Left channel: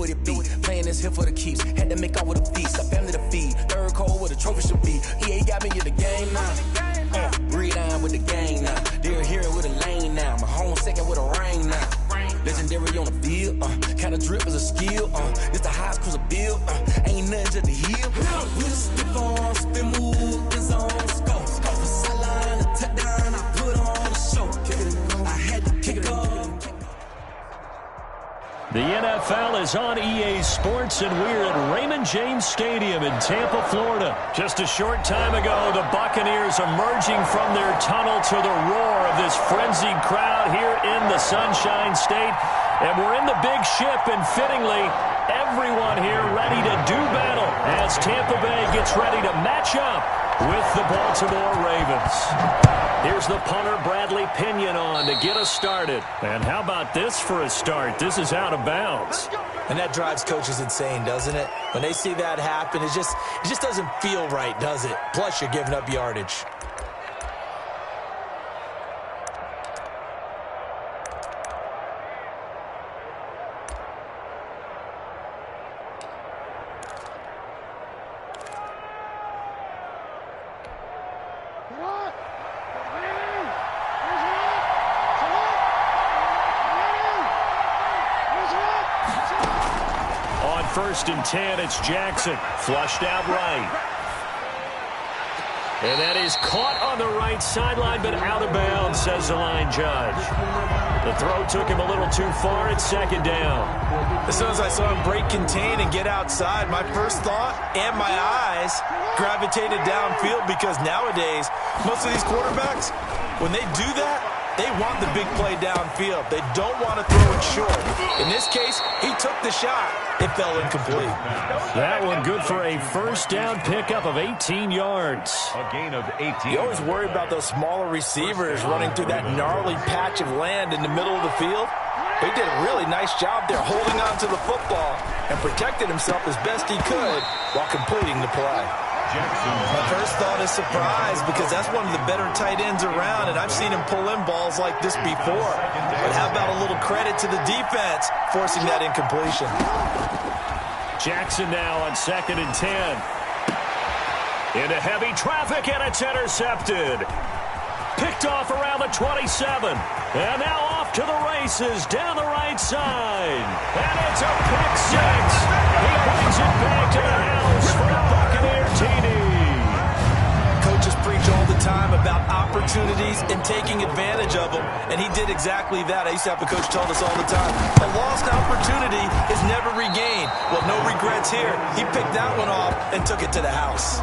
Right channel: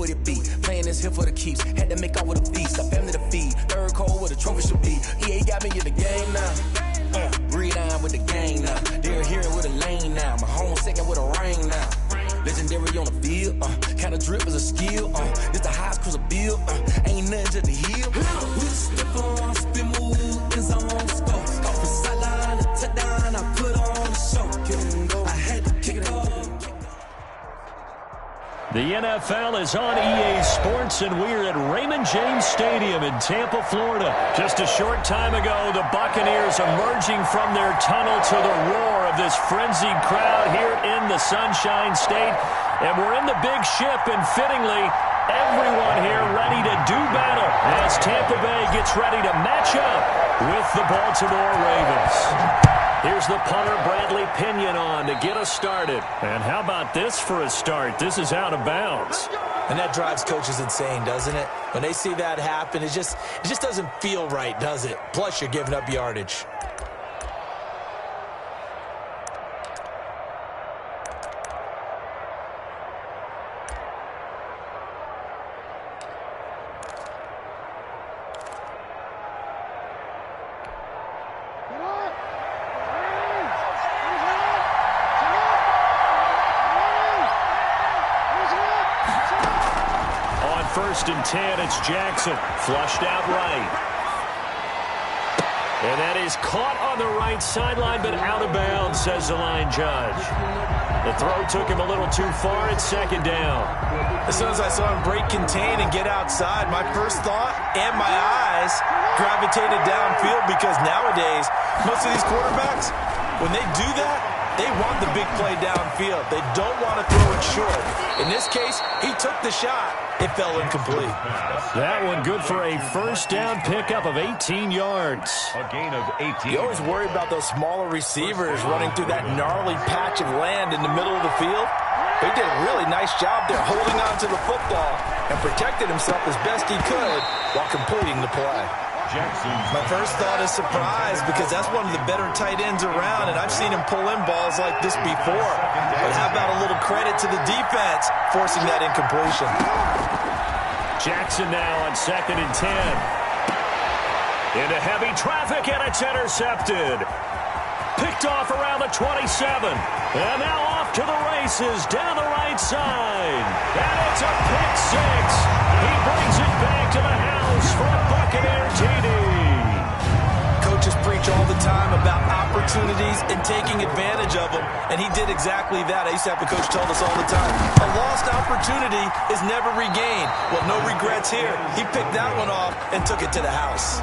what it be. Playing this here for the keeps. Had to make out with a feast. A family to feed. Third cold with a trophy should be. EA got me in the game now. Read on with the gang now. They're hearing with a lane now. My home second with a rain now. Legendary on the field. Kind of drip is a skill. It's the highest cruiser bill. Ain't nothing to the heel. The NFL is on EA Sports, and we're at Raymond James Stadium in Tampa, Florida. Just a short time ago, the Buccaneers emerging from their tunnel to the roar of this frenzied crowd here in the Sunshine State. And we're in the big ship, and fittingly, everyone here ready to do battle as Tampa Bay gets ready to match up with the Baltimore Ravens. Here's the punter, Bradley Pinion, on to get us started. And how about this for a start? This is out of bounds. And that drives coaches insane, doesn't it? When they see that happen, it just doesn't feel right, does it? Plus, you're giving up yardage. First and 10, it's Jackson. Flushed out right. And that is caught on the right sideline, but out of bounds, says the line judge. The throw took him a little too far. It's second down. As soon as I saw him break contain and get outside, my first thought and my eyes gravitated downfield, because nowadays, most of these quarterbacks, when they do that, they want the big play downfield. They don't want to throw it short. In this case, he took the shot. It fell incomplete. That one good for a first down pickup of 18 yards. A gain of 18. You always worry about those smaller receivers running through that gnarly patch of land in the middle of the field. He did a really nice job there holding on to the football and protected himself as best he could while completing the play. My first thought is surprise, because that's one of the better tight ends around, and I've seen him pull in balls like this before. But how about a little credit to the defense forcing that incompletion? Jackson now on 2nd and 10. Into heavy traffic, and it's intercepted. Picked off around the 27. And now off to the races down the right side. And it's a pick six. He brings it back to the house for a Buccaneer TD. Coaches preach all the time about opportunities and taking advantage of them, and he did exactly that. I used to have a coach tell us all the time, a lost opportunity is never regained. Well, no regrets here. He picked that one off and took it to the house.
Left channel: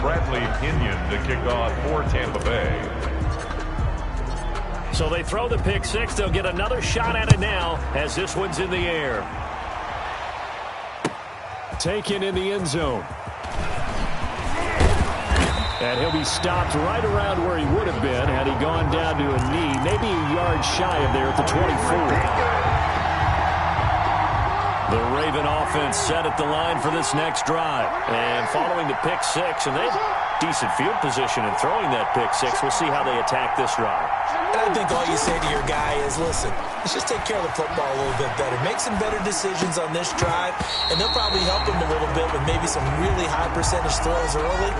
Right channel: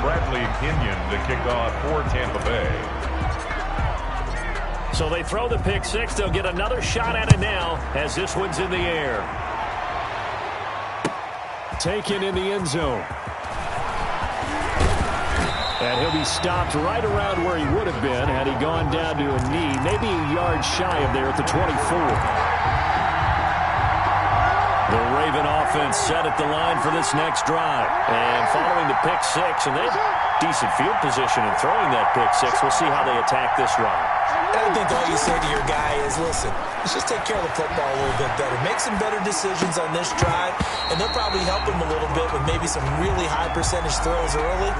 Bradley Pinion to kick off for Tampa Bay. So they throw the pick six. They'll get another shot at it now as this one's in the air. Taken in the end zone. And he'll be stopped right around where he would have been had he gone down to a knee, maybe a yard shy of there at the 24. The Raven offense set at the line for this next drive. And following the pick six, and they have decent field position in throwing that pick six. We'll see how they attack this drive. And I think all you say to your guy is, listen, let's just take care of the football a little bit better. Make some better decisions on this drive, and they'll probably help him a little bit with maybe some really high percentage throws early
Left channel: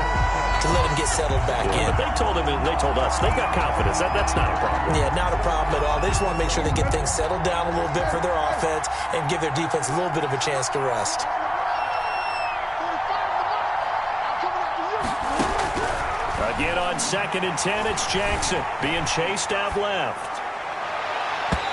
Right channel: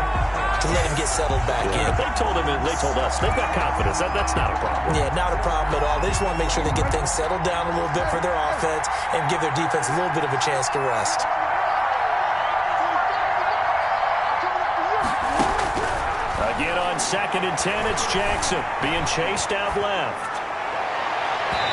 to let him get settled back in. But they told him, and they told us, they've got confidence. That's not a problem. Yeah, not a problem at all. They just want to make sure they get things settled down a little bit for their offense and give their defense a little bit of a chance to rest. Again on 2nd and 10, it's Jackson being chased out left.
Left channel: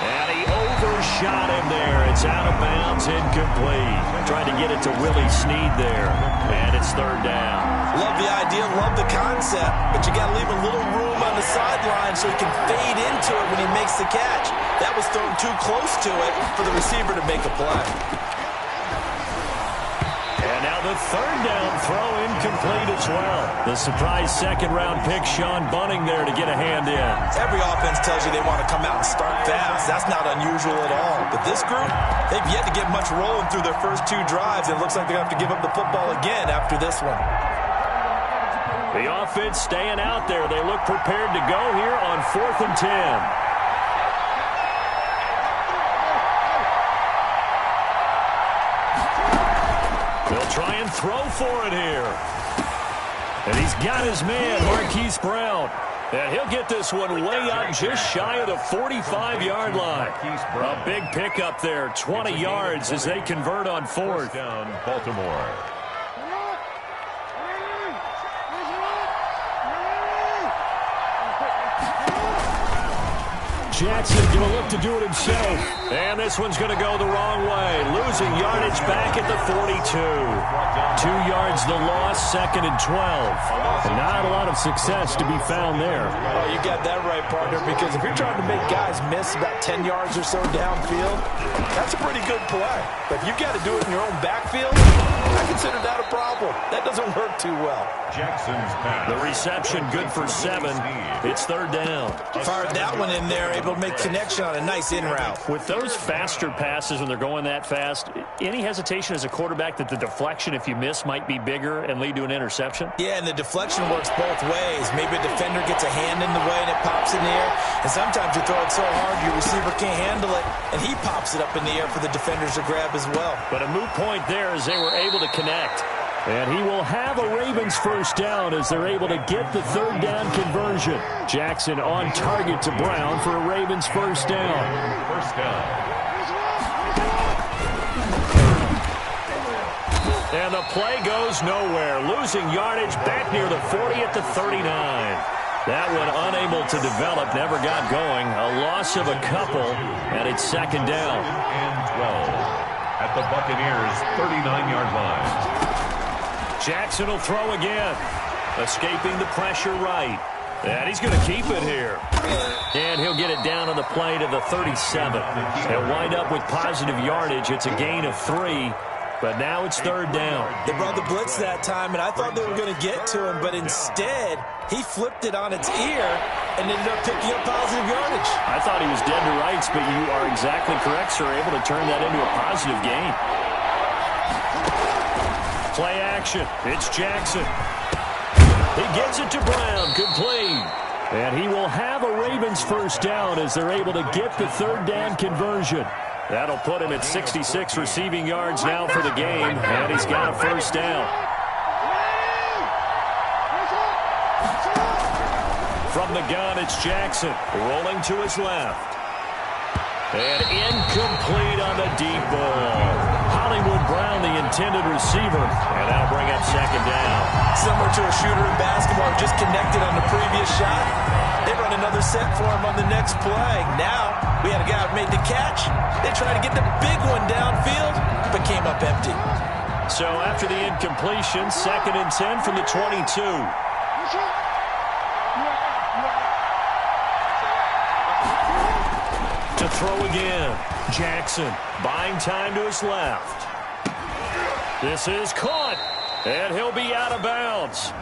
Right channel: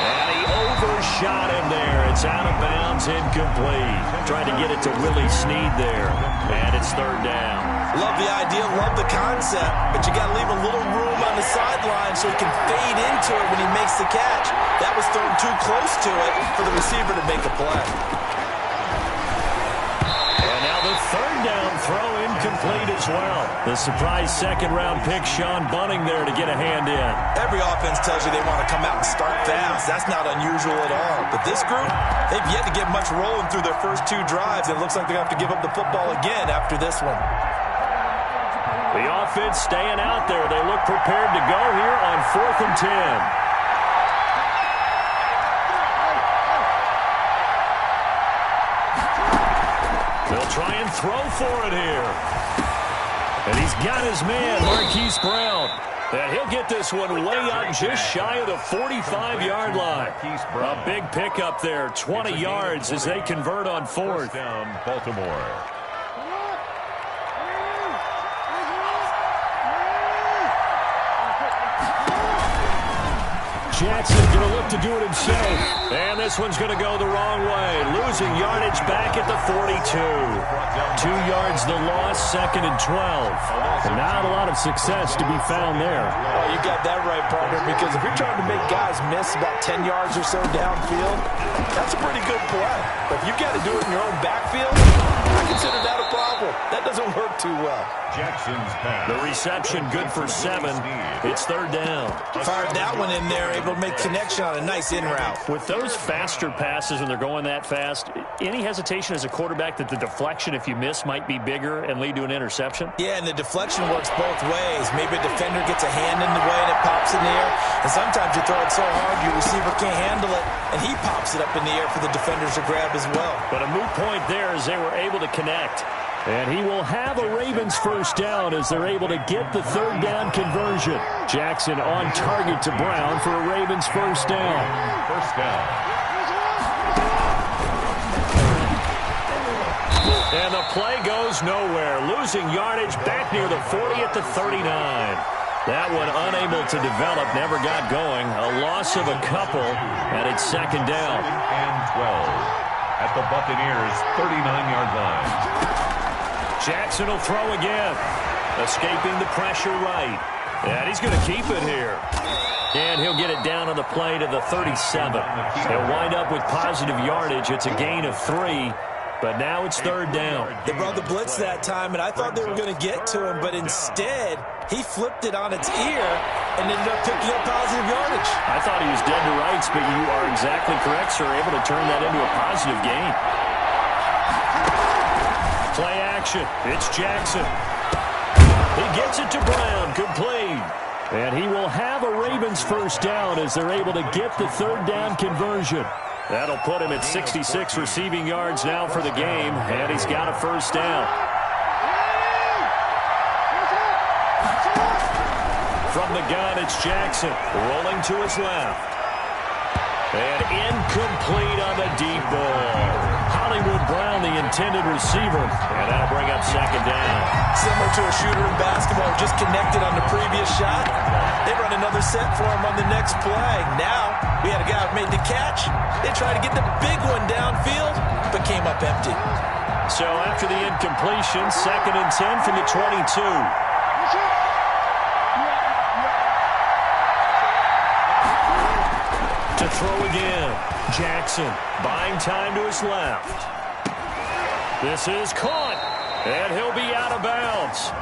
And he overshot him there. It's out of bounds, incomplete. Trying to get it to Willie Snead there. And it's 3rd down. Love the idea, love the concept, but you got to leave a little room on the sideline so he can fade into it when he makes the catch. That was thrown too close to it for the receiver to make a play. And now the 3rd down throw incomplete as well. The surprise 2nd-round pick, Sean Bunting, there to get a hand in. Every offense tells you they want to come out and start fast. That's not unusual at all. But this group, they've yet to get much rolling through their first 2 drives. It looks like they're going to have to give up the football again after this one. The offense staying out there. They look prepared to go here on 4th and 10. try and throw for it here. And he's got his man, Marquise Brown. And he'll get this one way up just shy of the 45-yard line. A big pickup there, 20 yards as they convert on fourth. Down, Baltimore. Jackson's going to look to do it himself. And this one's going to go the wrong way. Losing yardage back at the 42. 2 yards the loss, 2nd and 12. Not a lot of success to be found there. Oh, you got that right, partner, because if you're trying to make guys miss about 10 yards or so downfield, that's a pretty good play. But if you've got to do it in your own backfield, I consider that a problem. That doesn't work too well. Jackson's pass. The reception good for 7. It's 3rd down. Fired that one in there, able to make connection on a nice in route. With those faster passes when they're going that fast, any hesitation as a quarterback that the deflection, if you miss, might be bigger and lead to an interception? Yeah, and the deflection works both ways. Maybe a defender gets a hand in the way and it pops in the air. And sometimes you throw it so hard your receiver can't handle it, and he pops it up in the air for the defenders to grab as well. But a moot point there as they were able to connect. And he will have a Ravens first down as they're able to get the 3rd down conversion. Jackson on target to Brown for a Ravens first down. First down. And the play goes nowhere. Losing yardage back near the 40 at the 39. That one unable to develop, never got going. A loss of a couple, and it's 2nd down. And 12 at the Buccaneers' 39-yard line. Jackson will throw again. Escaping the pressure right. And he's going to keep it here. And he'll get it down on the play to the 37. He'll wind up with positive yardage. It's a gain of 3. But now it's 3rd down. They brought the blitz that time, and I thought they were going to get to him, but instead, he flipped it on its ear and ended up picking up positive yardage. I thought he was dead to rights, but you are exactly correct, sir. Able to turn that into a positive gain. Play action. It's Jackson. He gets it to Brown. Complete. And he will have a Ravens first down as they're able to get the 3rd down conversion. That'll put him at 66 receiving yards now for the game, and he's got a first down. From the gun, it's Jackson, rolling to his left. And incomplete on the deep ball. Hollywood Brown, the intended receiver, and that'll bring up 2nd down. Similar to a shooter in basketball who just connected on the previous shot. They run another set for him on the next play. Now, we had a guy who made the catch. They tried to get the big one downfield, but came up empty. So after the incompletion, 2nd and 10 from the 22. To throw again. Jackson buying time to his left. This is caught, and he'll be out of bounds.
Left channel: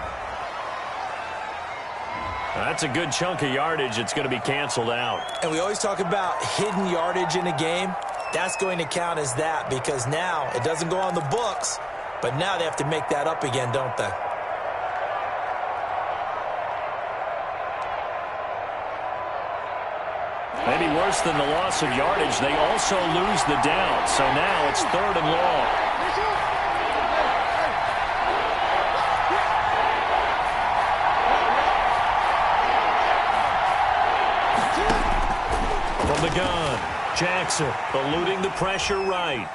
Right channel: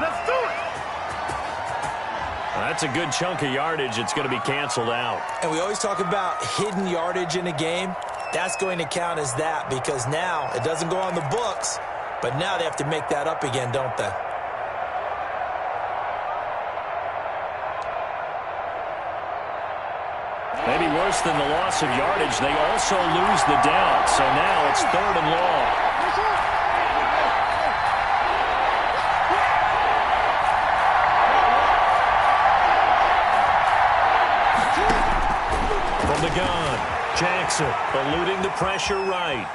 That's a good chunk of yardage. It's going to be canceled out. And we always talk about hidden yardage in a game. That's going to count as that because now it doesn't go on the books, but now they have to make that up again, don't they? Maybe worse than the loss of yardage, they also lose the down. So now it's 3rd and long. From the gun, Jackson eluding the pressure right.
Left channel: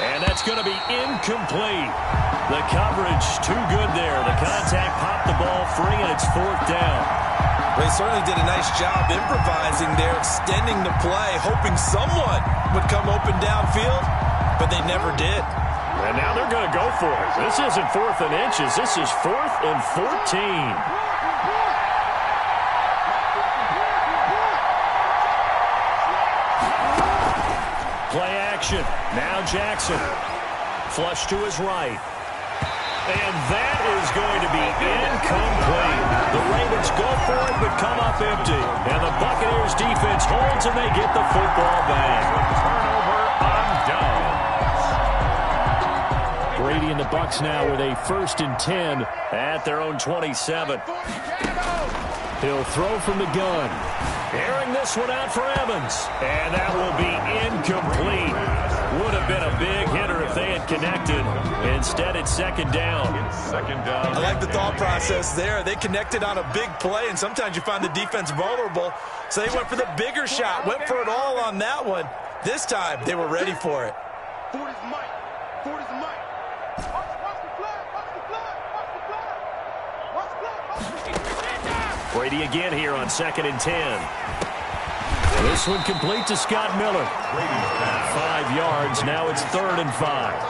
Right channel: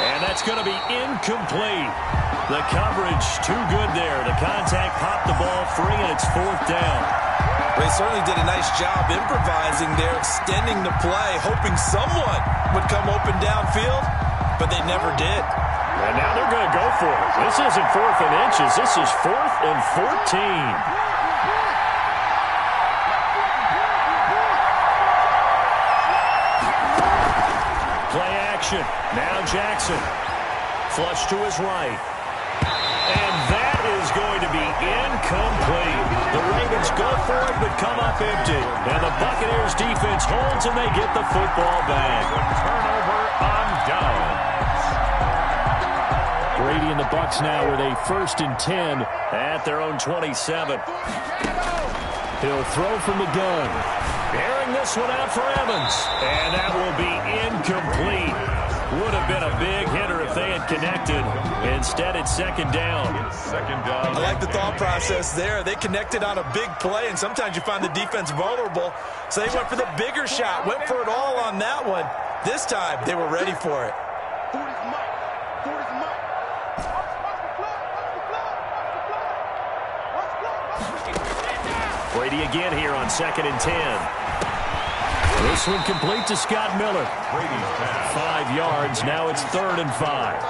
And that's going to be incomplete. The coverage too good there. The contact popped the ball free, and it's 4th down. They certainly did a nice job improvising there, extending the play, hoping someone would come open downfield, but they never did. And now they're going to go for it. This isn't 4th and inches. This is 4th and 14. Play action. Now Jackson. Flush to his right. And that is going to be incomplete. The Ravens go for it but come up empty. And the Buccaneers defense holds and they get the football back. Turnover on downs. Brady and the Bucs now with a 1st and 10 at their own 27. He'll throw from the gun. Airing this one out for Evans. And that will be incomplete. Would have been a big hitter if they had connected. Instead, it's second down. I like the thought process there. They connected on a big play, and sometimes you find the defense vulnerable. So they went for the bigger shot, went for it all on that one. This time, they were ready for it. 40's Mike. 40's Mike. Watch the flag. Watch the flag. Watch the flag. Watch the flag. Watch the flag. Brady again here on 2nd and 10. This one complete to Scott Miller. 5 yards. Now it's 3rd and 5.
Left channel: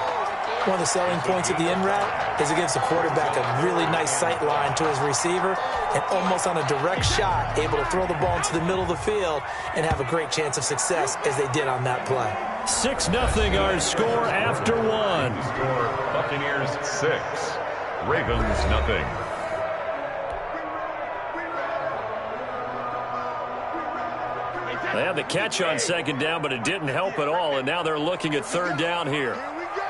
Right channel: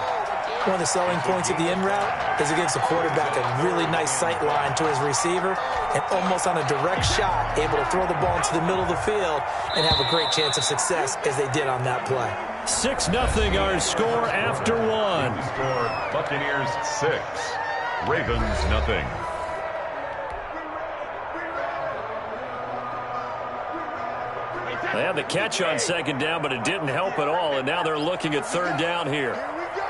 One of the selling points of the in route is it gives the quarterback a really nice sight line to his receiver and almost on a direct shot able to throw the ball into the middle of the field and have a great chance of success as they did on that play. 6-0 our score after one. Score Buccaneers 6, Ravens nothing. They had the catch on 2nd down, but it didn't help at all, and now they're looking at 3rd down here. Here we go.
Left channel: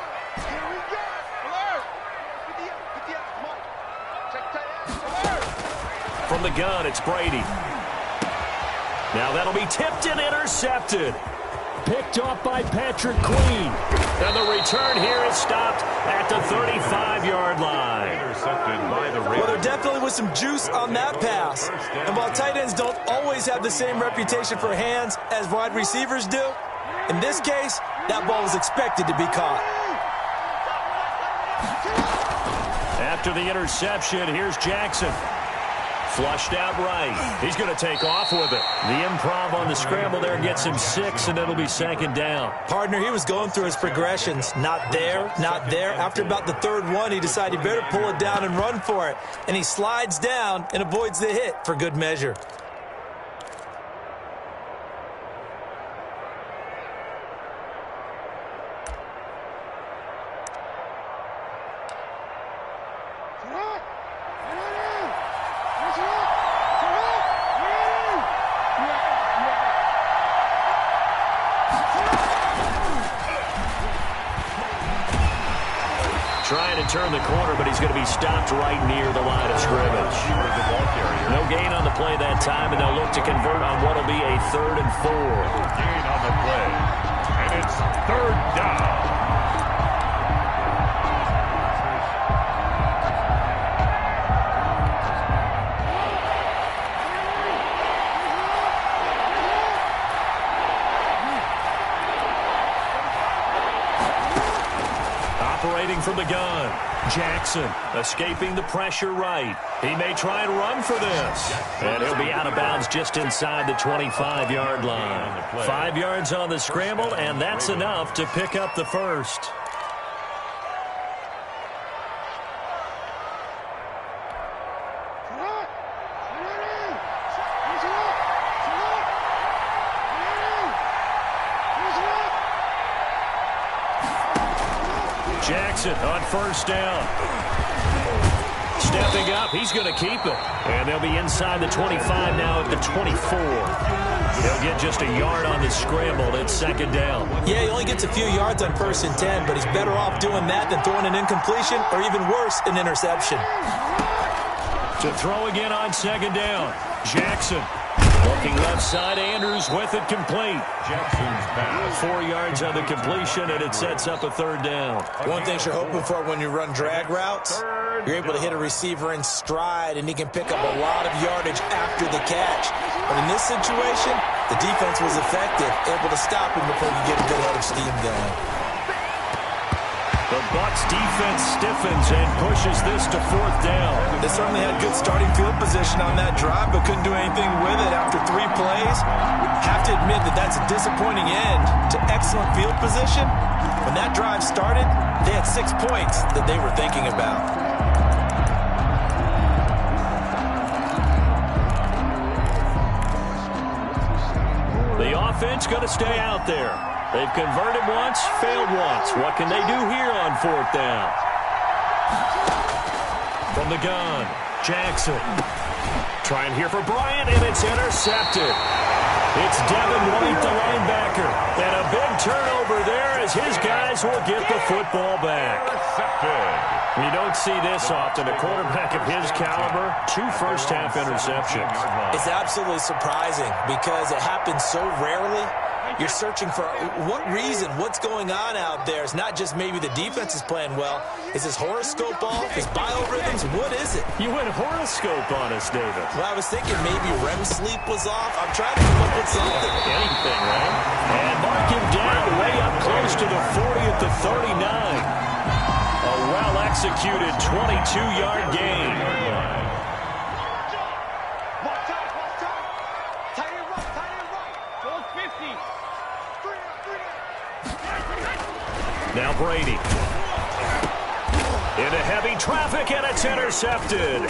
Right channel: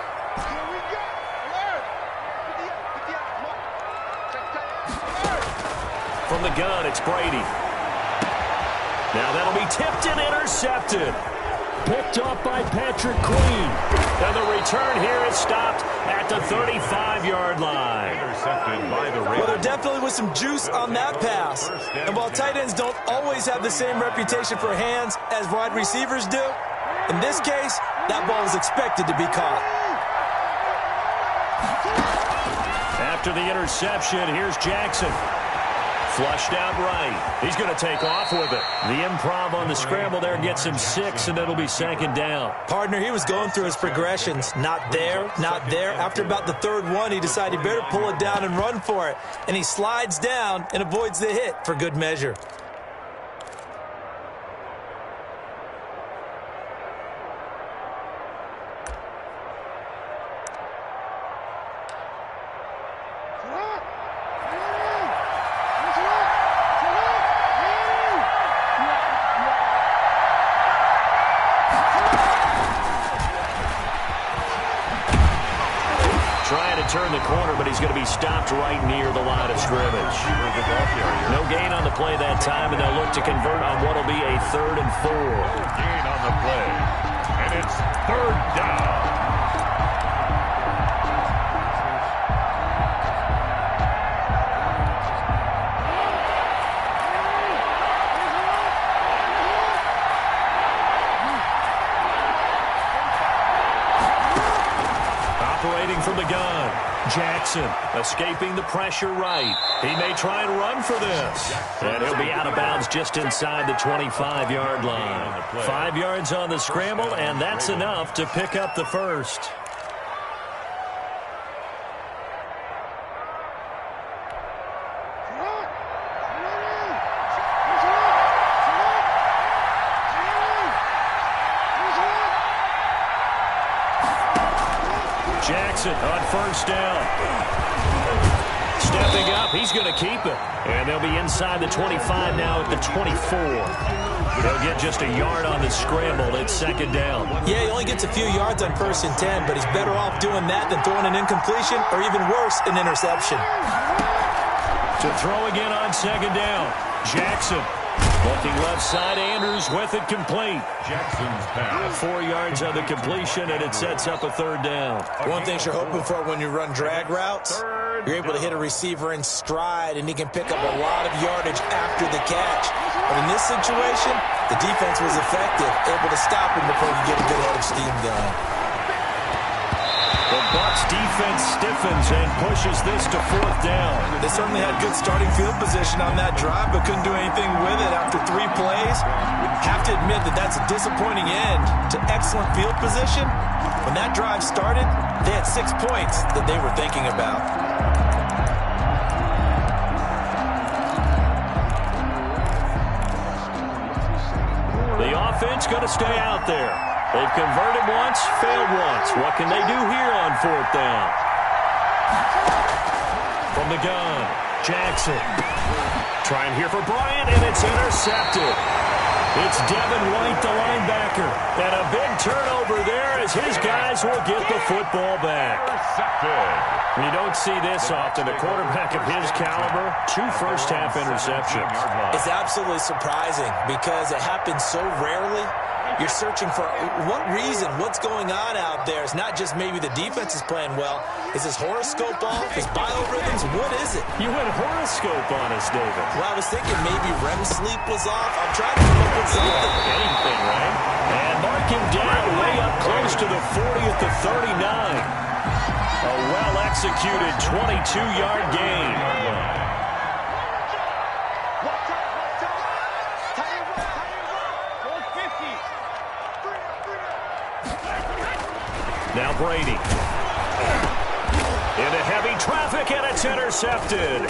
Here we go. Alert. 58. Mike. Check tight end. Alert. From the gun, it's Brady. Now that'll be tipped and intercepted. Picked off by Patrick Queen. And the return here is stopped at the 35-yard line. Intercepted by the Ravens. Well, there definitely was some juice on that pass. And while tight ends don't always have the same reputation for hands as wide receivers do, in this case, that ball was expected to be caught. After the interception, here's Jackson. Flushed out right. He's going to take off with it. The improv on the scramble there gets him 6, and it'll be 2nd down. Partner, he was going through his progressions. Not there, not there. After about the 3rd one, he decided he better pull it down and run for it. And he slides down and avoids the hit for good measure. Trying to turn the corner, but he's going to be stopped right near the line of scrimmage. The ball carrier. No gain on the play that time, and they'll look to convert on what will be a 3rd and 4. Gain on the play. And it's 3rd down. Operating from the gun. Jackson escaping the pressure right. He may try and run for this. And he'll be out of bounds just inside the 25-yard line. 5 yards on the scramble, and that's enough to pick up the first. Jackson on 1st down. Stepping up, he's going to keep it. And they'll be inside the 25 now at the 24. He'll get just a yard on the scramble. It's 2nd down. Yeah, he only gets a few yards on 1st and 10, but he's better off doing that than throwing an incompletion or even worse, an interception. To throw again on 2nd down. Jackson. Looking left side, Andrews with it complete. Jackson's pass. 4 yards on the completion, and it sets up a 3rd down. One thing you're hoping for when you run drag routes, you're able to hit a receiver in stride, and he can pick up a lot of yardage after the catch. But in this situation, the defense was effective, able to stop him before you get a good head of steam going. The Bucs defense stiffens and pushes this to 4th down. They certainly had good starting field position on that drive, but couldn't do anything with it after 3 plays. Have to admit that that's a disappointing end to excellent field position. When that drive started, they had 6 points that they were thinking about. The offense going to stay out there. They've converted once, failed once. What can they do here on 4th down? From the gun, Jackson. Trying here for Bryant, and it's intercepted. It's Devin White, the linebacker. And a big turnover there as his guys will get the football back. You don't see this often. A quarterback of his caliber, 2 first-half interceptions. It's absolutely surprising because it happens so rarely. You're searching for what reason, what's going on out there. It's not just maybe the defense is playing well. Is his horoscope off? His biorhythms? What is it? You went horoscope on us, David. Well, I was thinking maybe REM sleep was off. I'm trying to come up with something. Anything, right? And mark him down way up close to the 40 at the 39. A well-executed 22-yard gain. Now Brady. Into heavy traffic, and it's intercepted.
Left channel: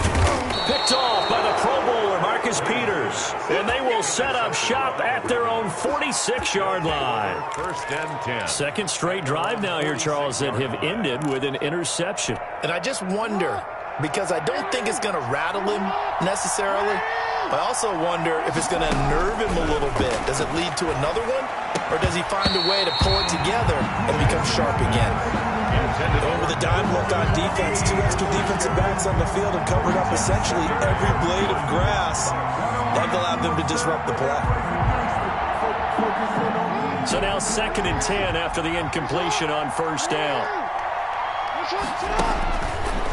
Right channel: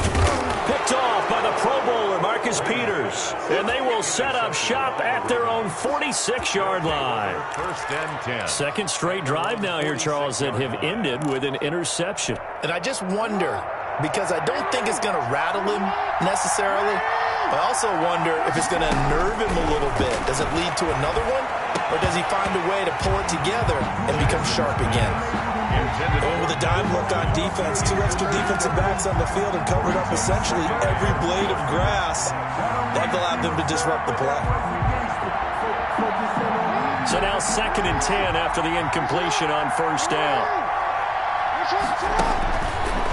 Picked off by the Pro Bowler, Marcus Peters. And they will set up shop at their own 46-yard line. First and 10. Second straight drive now here, Charles, that have ended with an interception. And I just wonder, because I don't think it's going to rattle him necessarily, I also wonder if it's going to unnerve him a little bit. Does it lead to another one? Or does he find a way to pull it together and become sharp again? And with a dime look on defense, 2 extra defensive backs on the field and covered up essentially every blade of grass, that allowed them to disrupt the play. So now 2nd and 10 after the incompletion on first down.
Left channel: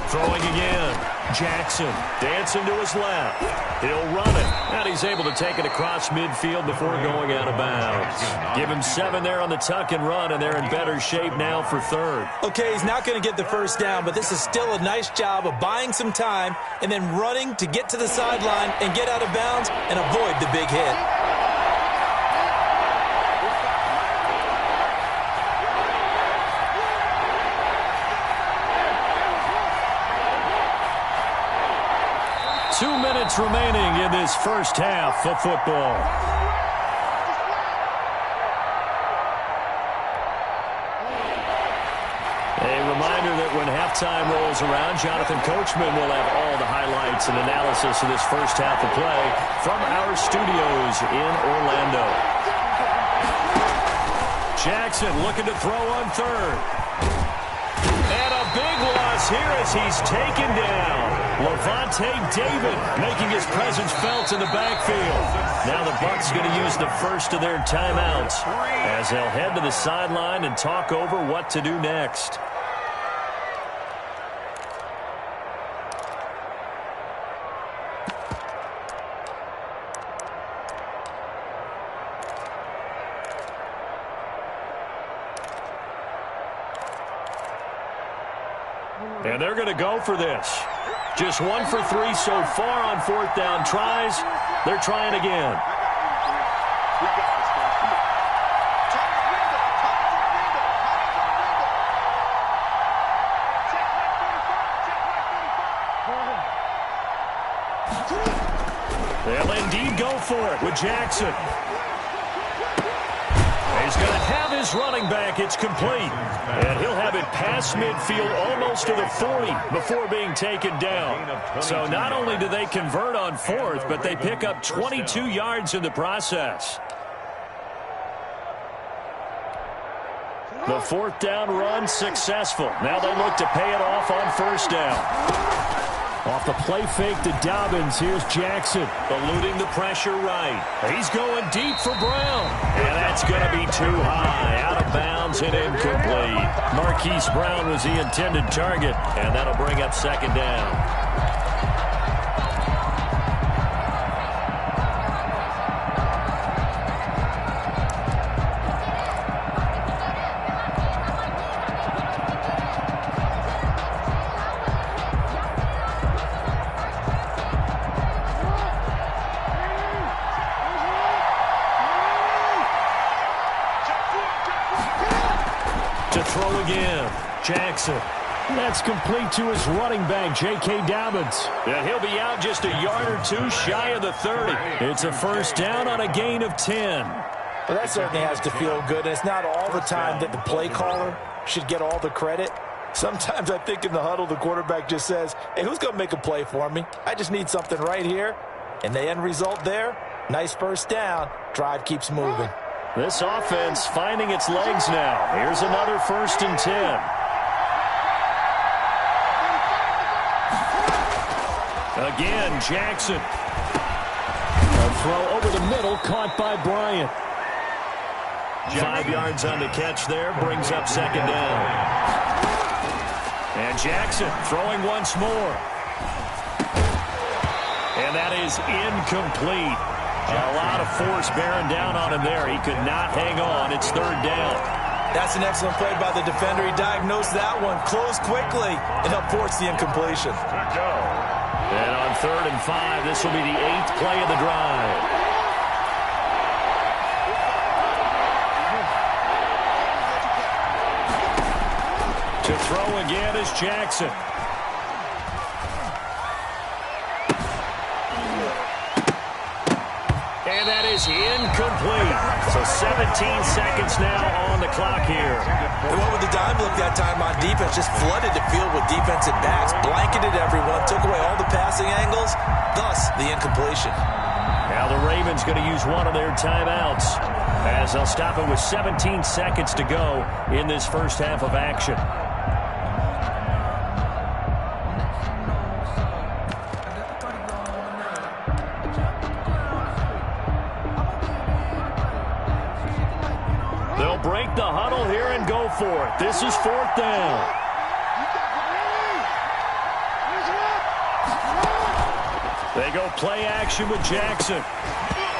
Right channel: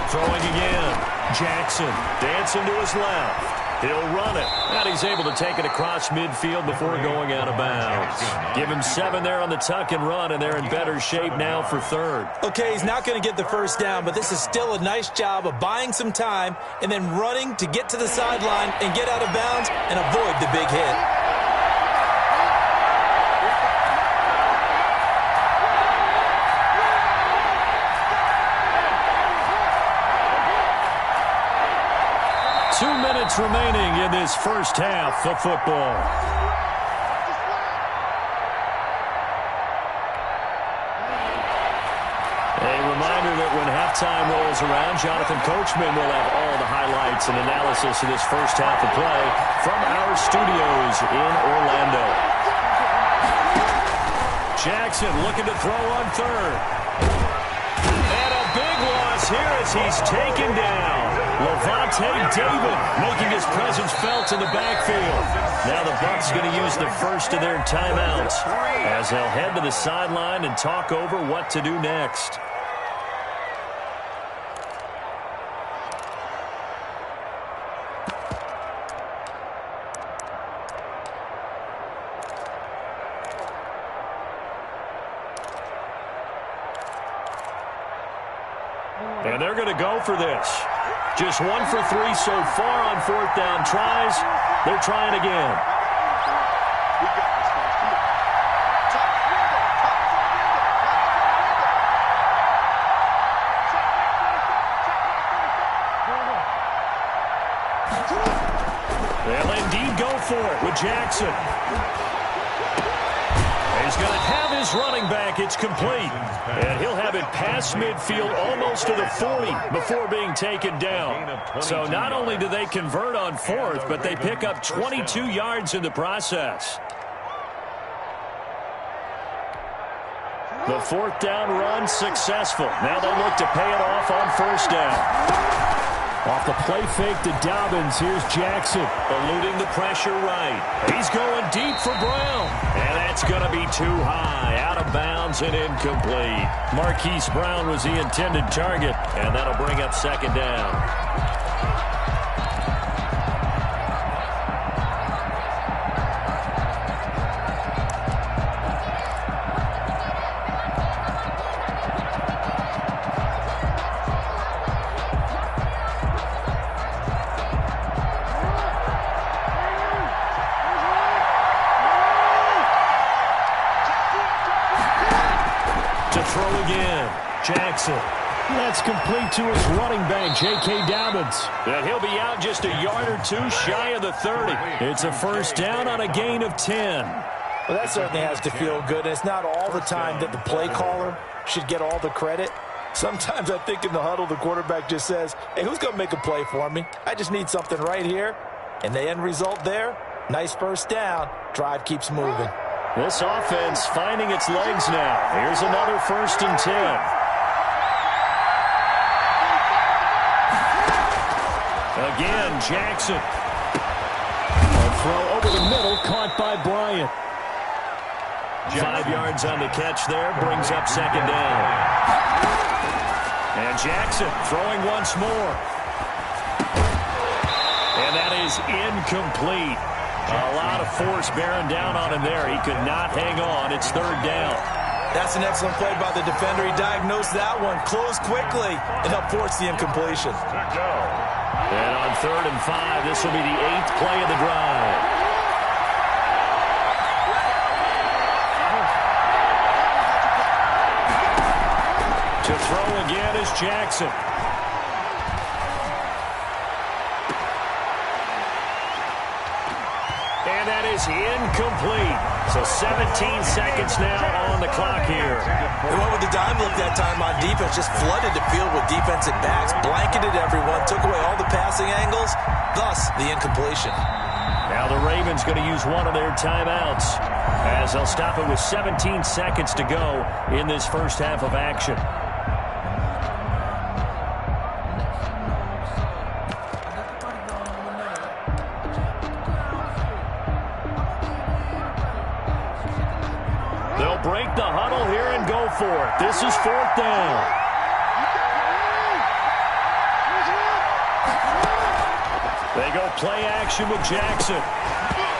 Throwing again. Jackson dancing to his left. He'll run it. And he's able to take it across midfield before going out of bounds. Give him 7 there on the tuck and run, and they're in better shape now for 3rd. Okay, he's not going to get the first down, but this is still a nice job of buying some time and then running to get to the sideline and get out of bounds and avoid the big hit. Remaining in this first half of football. A reminder that when halftime rolls around, Jonathan Coachman will have all the highlights and analysis of this first half of play from our studios in Orlando. Jackson looking to throw on 3rd. And a big loss here as he's taken down. Levante David making his presence felt in the backfield. Now the Bucs going to use the first of their timeouts as they'll head to the sideline and talk over what to do next. And they're going to go for this. Just 1 for 3 so far on 4th down tries. They're trying again. We got this, guys. Come on. Thomas window. Thomas on window. Thomas on window. Check right 35. Check right 35. They'll indeed go for it with Jackson. He's going to have his running back. It's complete. And he'll have it past midfield almost to the 40 before being taken down. So not only do they convert on 4th, but they pick up 22 yards in the process. The 4th down run successful. Now they look to pay it off on first down. Off the play fake to Dobbins, here's Jackson, eluding the pressure right. He's going deep for Brown, and that's going to be too high, out of bounds and incomplete. Marquise Brown was the intended target, and that'll bring up 2nd down. To throw again, Jackson. That's complete to his running back, J.K. Dobbins. And he'll be out just a yard or 2 shy of the 30. It's a first down on a gain of 10. Well, that certainly has to feel good. And it's not all the time that the play caller should get all the credit. Sometimes I think in the huddle, the quarterback just says, hey, who's going to make a play for me? I just need something right here. And the end result there, Nice first down. Drive keeps moving. This offense finding its legs now. Here's another 1st and 10. Again, Jackson. A throw over the middle, caught by Bryant. 5 yards on the catch there, brings up 2nd down. And Jackson throwing once more. And that is incomplete. A lot of force bearing down on him there. He could not hang on. It's 3rd down. That's an excellent play by the defender. He diagnosed that one, closed quickly, and helped force the incompletion. Good go. And on 3rd and 5, this will be the 8th play of the drive. To throw again is Jackson. And that is incomplete. So 17 seconds now on the clock here. They went with the dime look that time on defense, just flooded the field with defensive backs, blanketed everyone, took away all the passing angles, thus the incompletion. Now the Ravens going to use one of their timeouts as they'll stop it with 17 seconds to go in this first half of action. They'll break the huddle here and go for it. This is 4th down. They go play action with Jackson.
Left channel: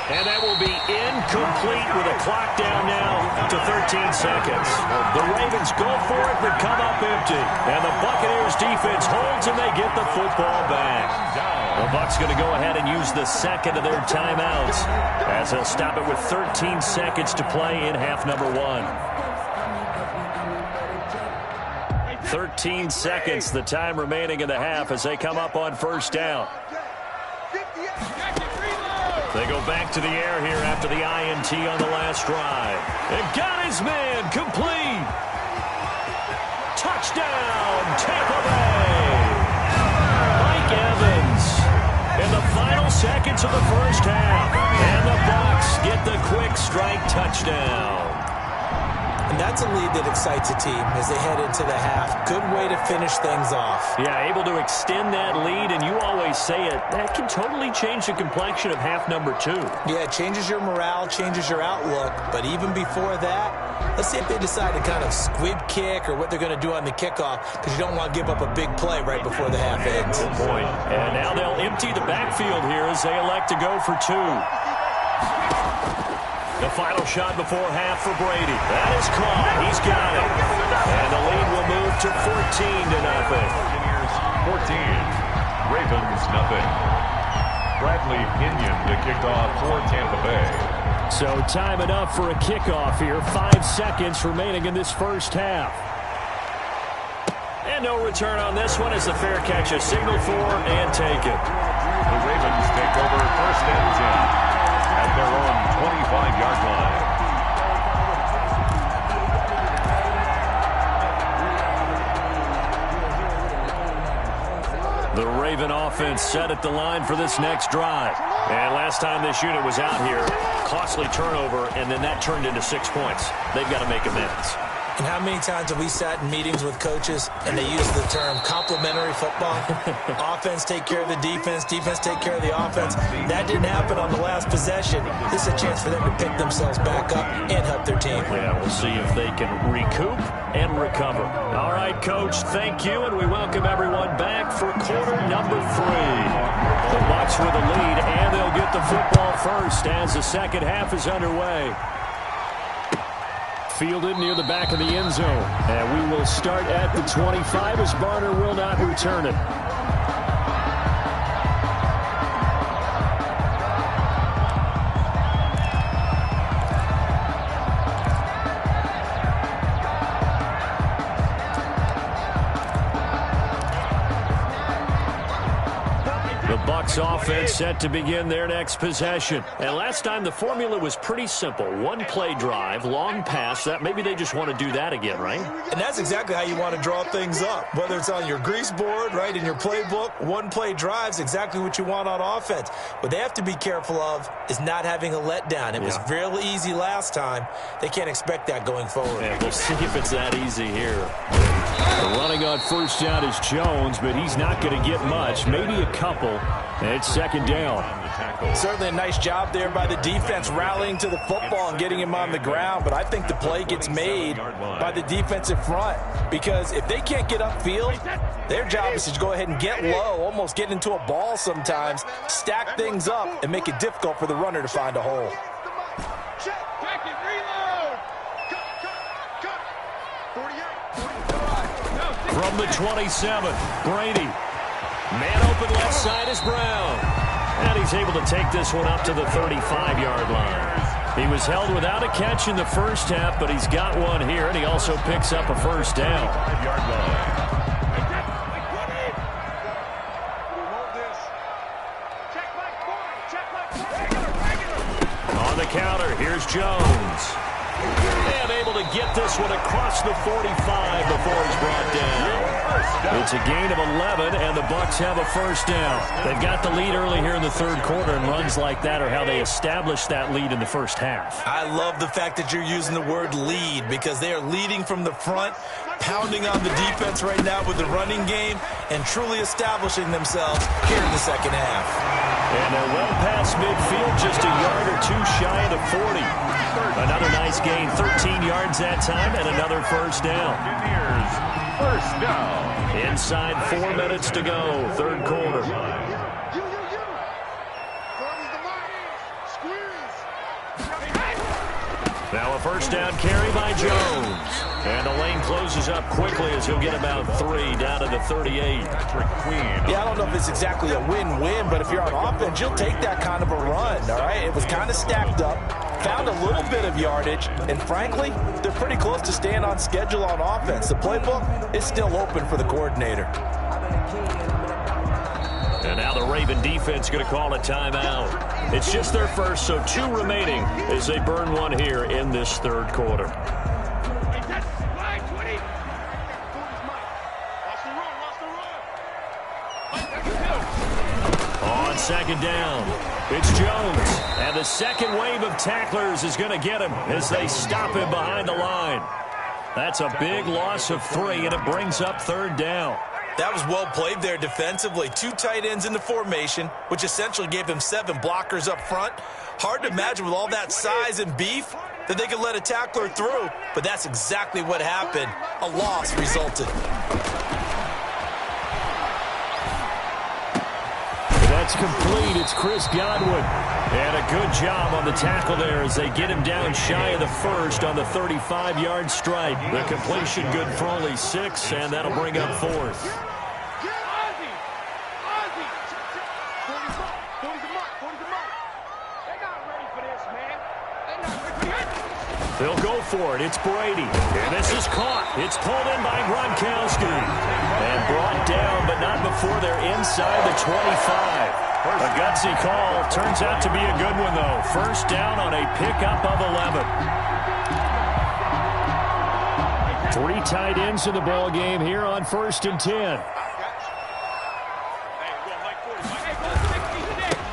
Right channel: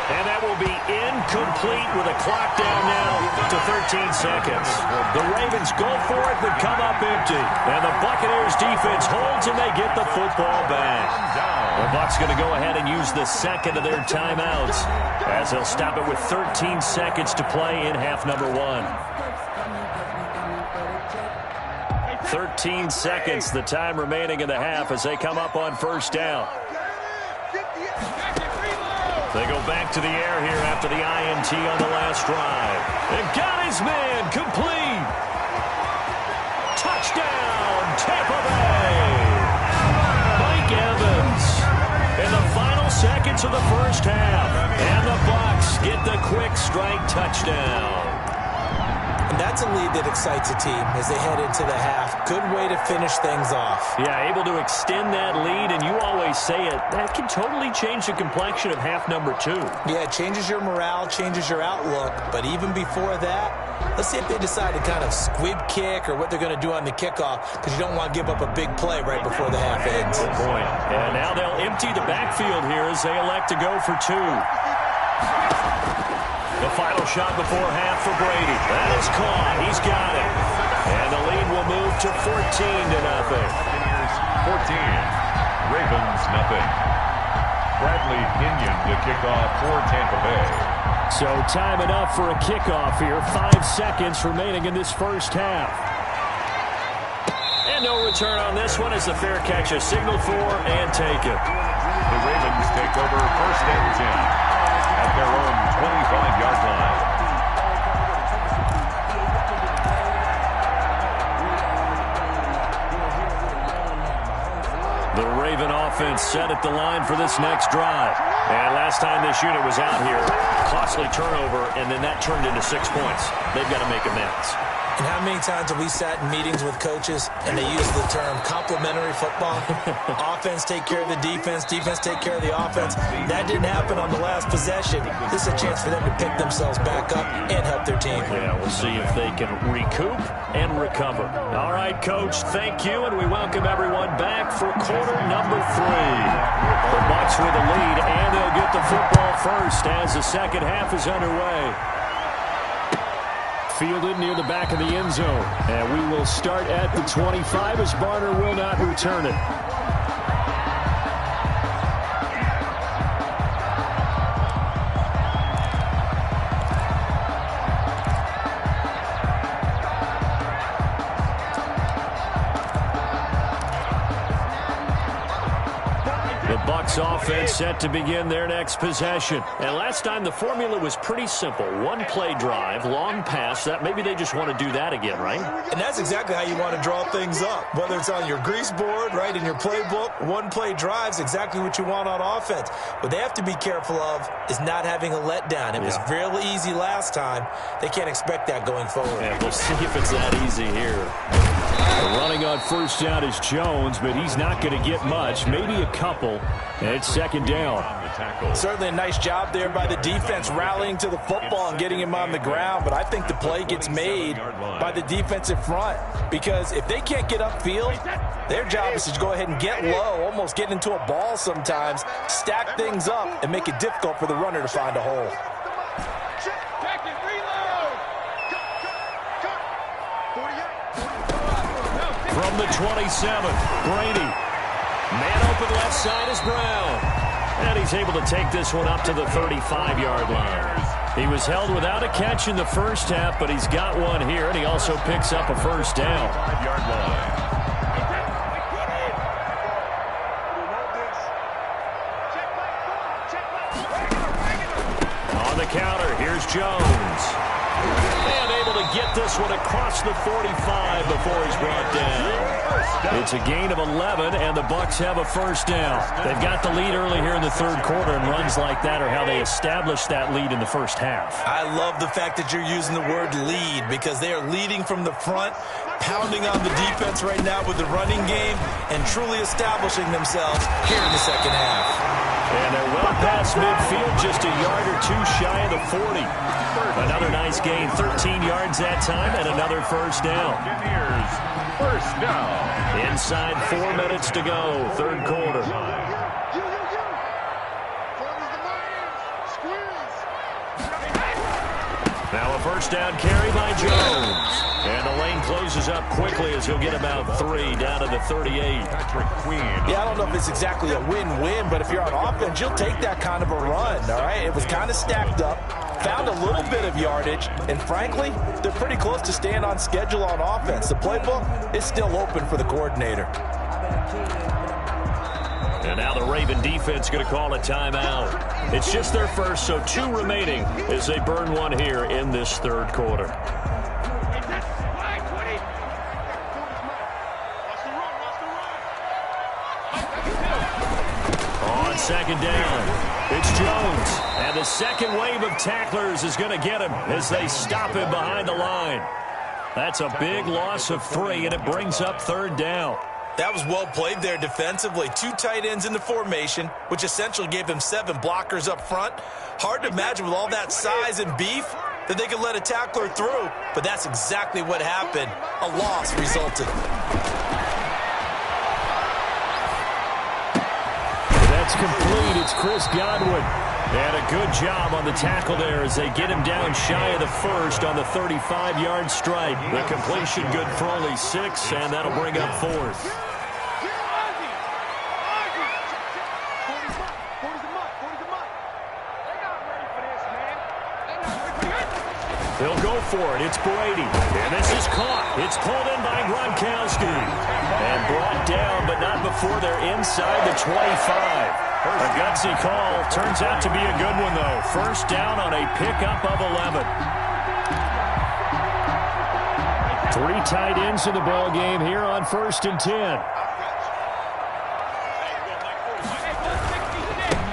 And that will be incomplete with a clock down now to 13 seconds. The Ravens go for it but come up empty. And the Buccaneers defense holds and they get the football back. The Bucs going to go ahead and use the 2nd of their timeouts as they'll stop it with 13 seconds to play in half number 1. 13 seconds, the time remaining in the half as they come up on 1st down. They go back to the air here after the INT on the last drive. And got his man complete. Touchdown, Tampa Bay. Mike Evans in the final seconds of the first half. And the Bucs get the quick strike touchdown. And that's a lead that excites a team as they head into the half. Good way to finish things off. Yeah, able to extend that lead, and you always say it, that can totally change the complexion of half number 2. Yeah, it changes your morale, changes your outlook. But even before that, let's see if they decide to kind of squib kick or what they're going to do on the kickoff, because you don't want to give up a big play right before the half ends. Good point. And now they'll empty the backfield here as they elect to go for 2. The final shot before half for Brady. That is caught. He's got it. And the lead will move to 14-0. Buccaneers 14, Ravens nothing. Bradley Pinion to kick off for Tampa Bay. So time enough for a kickoff here. 5 seconds remaining in this first half. And no return on this one as the fair catch is signaled for and taken. The Ravens take over 1st and 10 at their own 25-yard line. The Raven offense set at the line for this next drive. And last time this unit was out here, costly turnover, and then that turned into 6 points. They've got to make amends. And how many times have we sat in meetings with coaches and they use the term complementary football? Offense take care of the defense, defense take care of the offense. That didn't happen on the last possession. This is a chance for them to pick themselves back up and help their team. Yeah, we'll see if they can recoup and recover. All right, Coach, thank you, and we welcome everyone back for quarter number 3. The Bucs with a lead, and they'll get the football first as the second half is underway. Fielded near the back of the end zone. And we will start at the 25 as Barner will not return it. Bucs offense set to begin their next possession. And last time the formula was pretty simple. One play drive, long pass. That maybe they just want to do that again, right? And that's exactly how you want to draw things up. Whether it's on your grease board, right, in your playbook, one play drive's exactly what you want on offense. What they have to be careful of is not having a letdown. It was real easy last time. They can't expect that going forward. Yeah, we'll see if it's that easy here. Running on first down is Jones, but he's not going to get much, maybe a couple. And it's second down. Certainly a nice job there by the defense rallying to the football and getting him on the ground, but I think the play gets made by the defensive front because if they can't get upfield, their job is to go ahead and get low, almost get into a ball sometimes, stack things up, and make it difficult for the runner to find a hole. Check it, reload. Cut. 48. From the 27, Brady. Man open left side is Brown. And he's able to take this one up to the 35-yard line. He was held without a catch in the first half, but he's got one here, and he also picks up a first down. 5-yard line. On the counter, here's Jones. And able to get this one across the 45 before he's brought down. It's a gain of 11, and the Bucs have a first down. They've got the lead early here in the third quarter, and runs like that are how they established that lead in the first half. I love the fact that you're using the word lead because they are leading from the front, pounding on the defense right now with the running game, and truly establishing themselves here in the second half. And they're well past midfield, just a yard or two shy of the 40. Another nice gain, 13 yards that time, and another first down. First down. Inside 4 minutes to go, third quarter. Now a first down carry by Jones. And the lane closes up quickly as he'll get about 3 down to the 38. Yeah, I don't know if it's exactly a win-win, but if you're on offense, you'll take that kind of a run, all right? It was kind of stacked up, found a little bit of yardage, and frankly, they're pretty close to staying on schedule on offense. The playbook is still open for the coordinator. And now the Raven defense going to call a timeout. It's just their first, so 2 remaining as they burn one here in this third quarter. On second down, it's Jones. And the second wave of tacklers is going to get him as they stop him behind the line. That's a big loss of 3, and it brings up third down. That was well played there defensively. 2 tight ends in the formation, which essentially gave them 7 blockers up front. Hard to imagine with all that size and beef that they could let a tackler through, but that's exactly what happened. A loss resulted. That's complete. It's Chris Godwin. And a good job on the tackle there as they get him down shy of the first on the 35-yard stripe. The completion good for only 6, and that'll bring up fourth. They'll go for it. It's Brady. And this is caught. It's pulled in by Gronkowski. And brought down, but not before they're inside the 25. A gutsy call. Turns out to be a good one, though. First down on a pickup of 11. 3 tight ends in the ball game here on 1st and 10.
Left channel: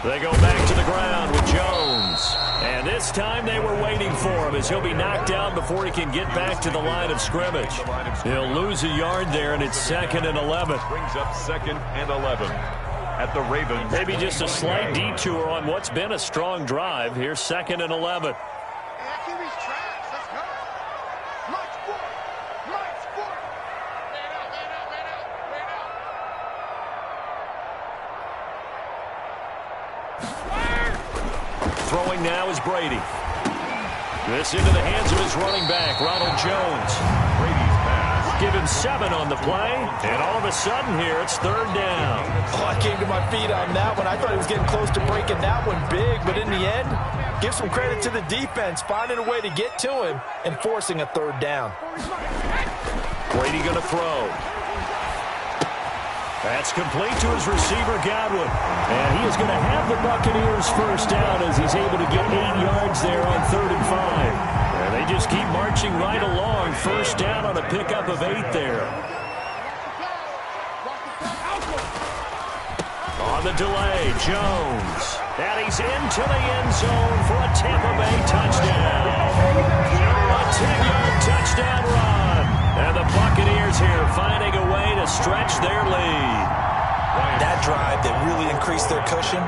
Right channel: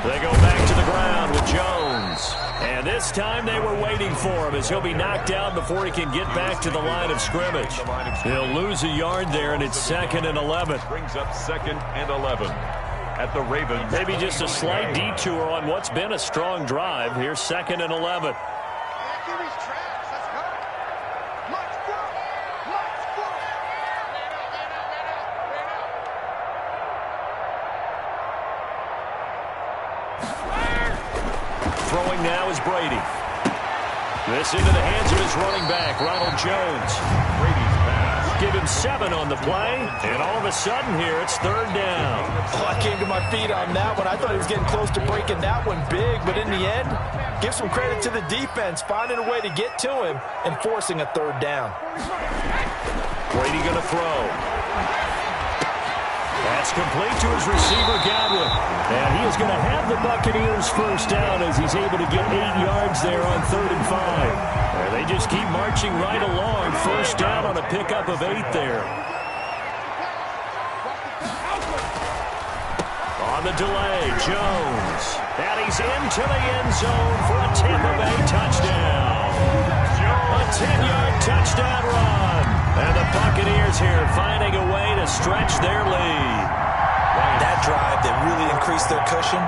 They go back to the ground with Jones. And this time they were waiting for him as he'll be knocked down before he can get back to the line of scrimmage. He'll lose a yard there, and it's 2nd and 11. Brings up 2nd and 11 at the Ravens. Maybe just a slight detour on what's been a strong drive. Here's 2nd and 11. Throwing now is Brady. This into the hands of his running back, Ronald Jones. Brady's pass. Give him 7 on the play, and all of a sudden here it's 3rd down. Oh, I came to my feet on that one. I thought he was getting close to breaking that one big, but in the end, give some credit to the defense, finding a way to get to him and forcing a 3rd down. Brady going to throw. That's complete to his receiver, Godwin. And he is going to have the Buccaneers first down as he's able to get 8 yards there on 3rd and 5. And they just keep marching right along. First down on a pickup of 8 there. On the delay, Jones. And he's into the end zone for a Tampa Bay touchdown. A 10-yard touchdown run. And the Buccaneers here finding a way to stretch their lead. That drive that really increased their cushion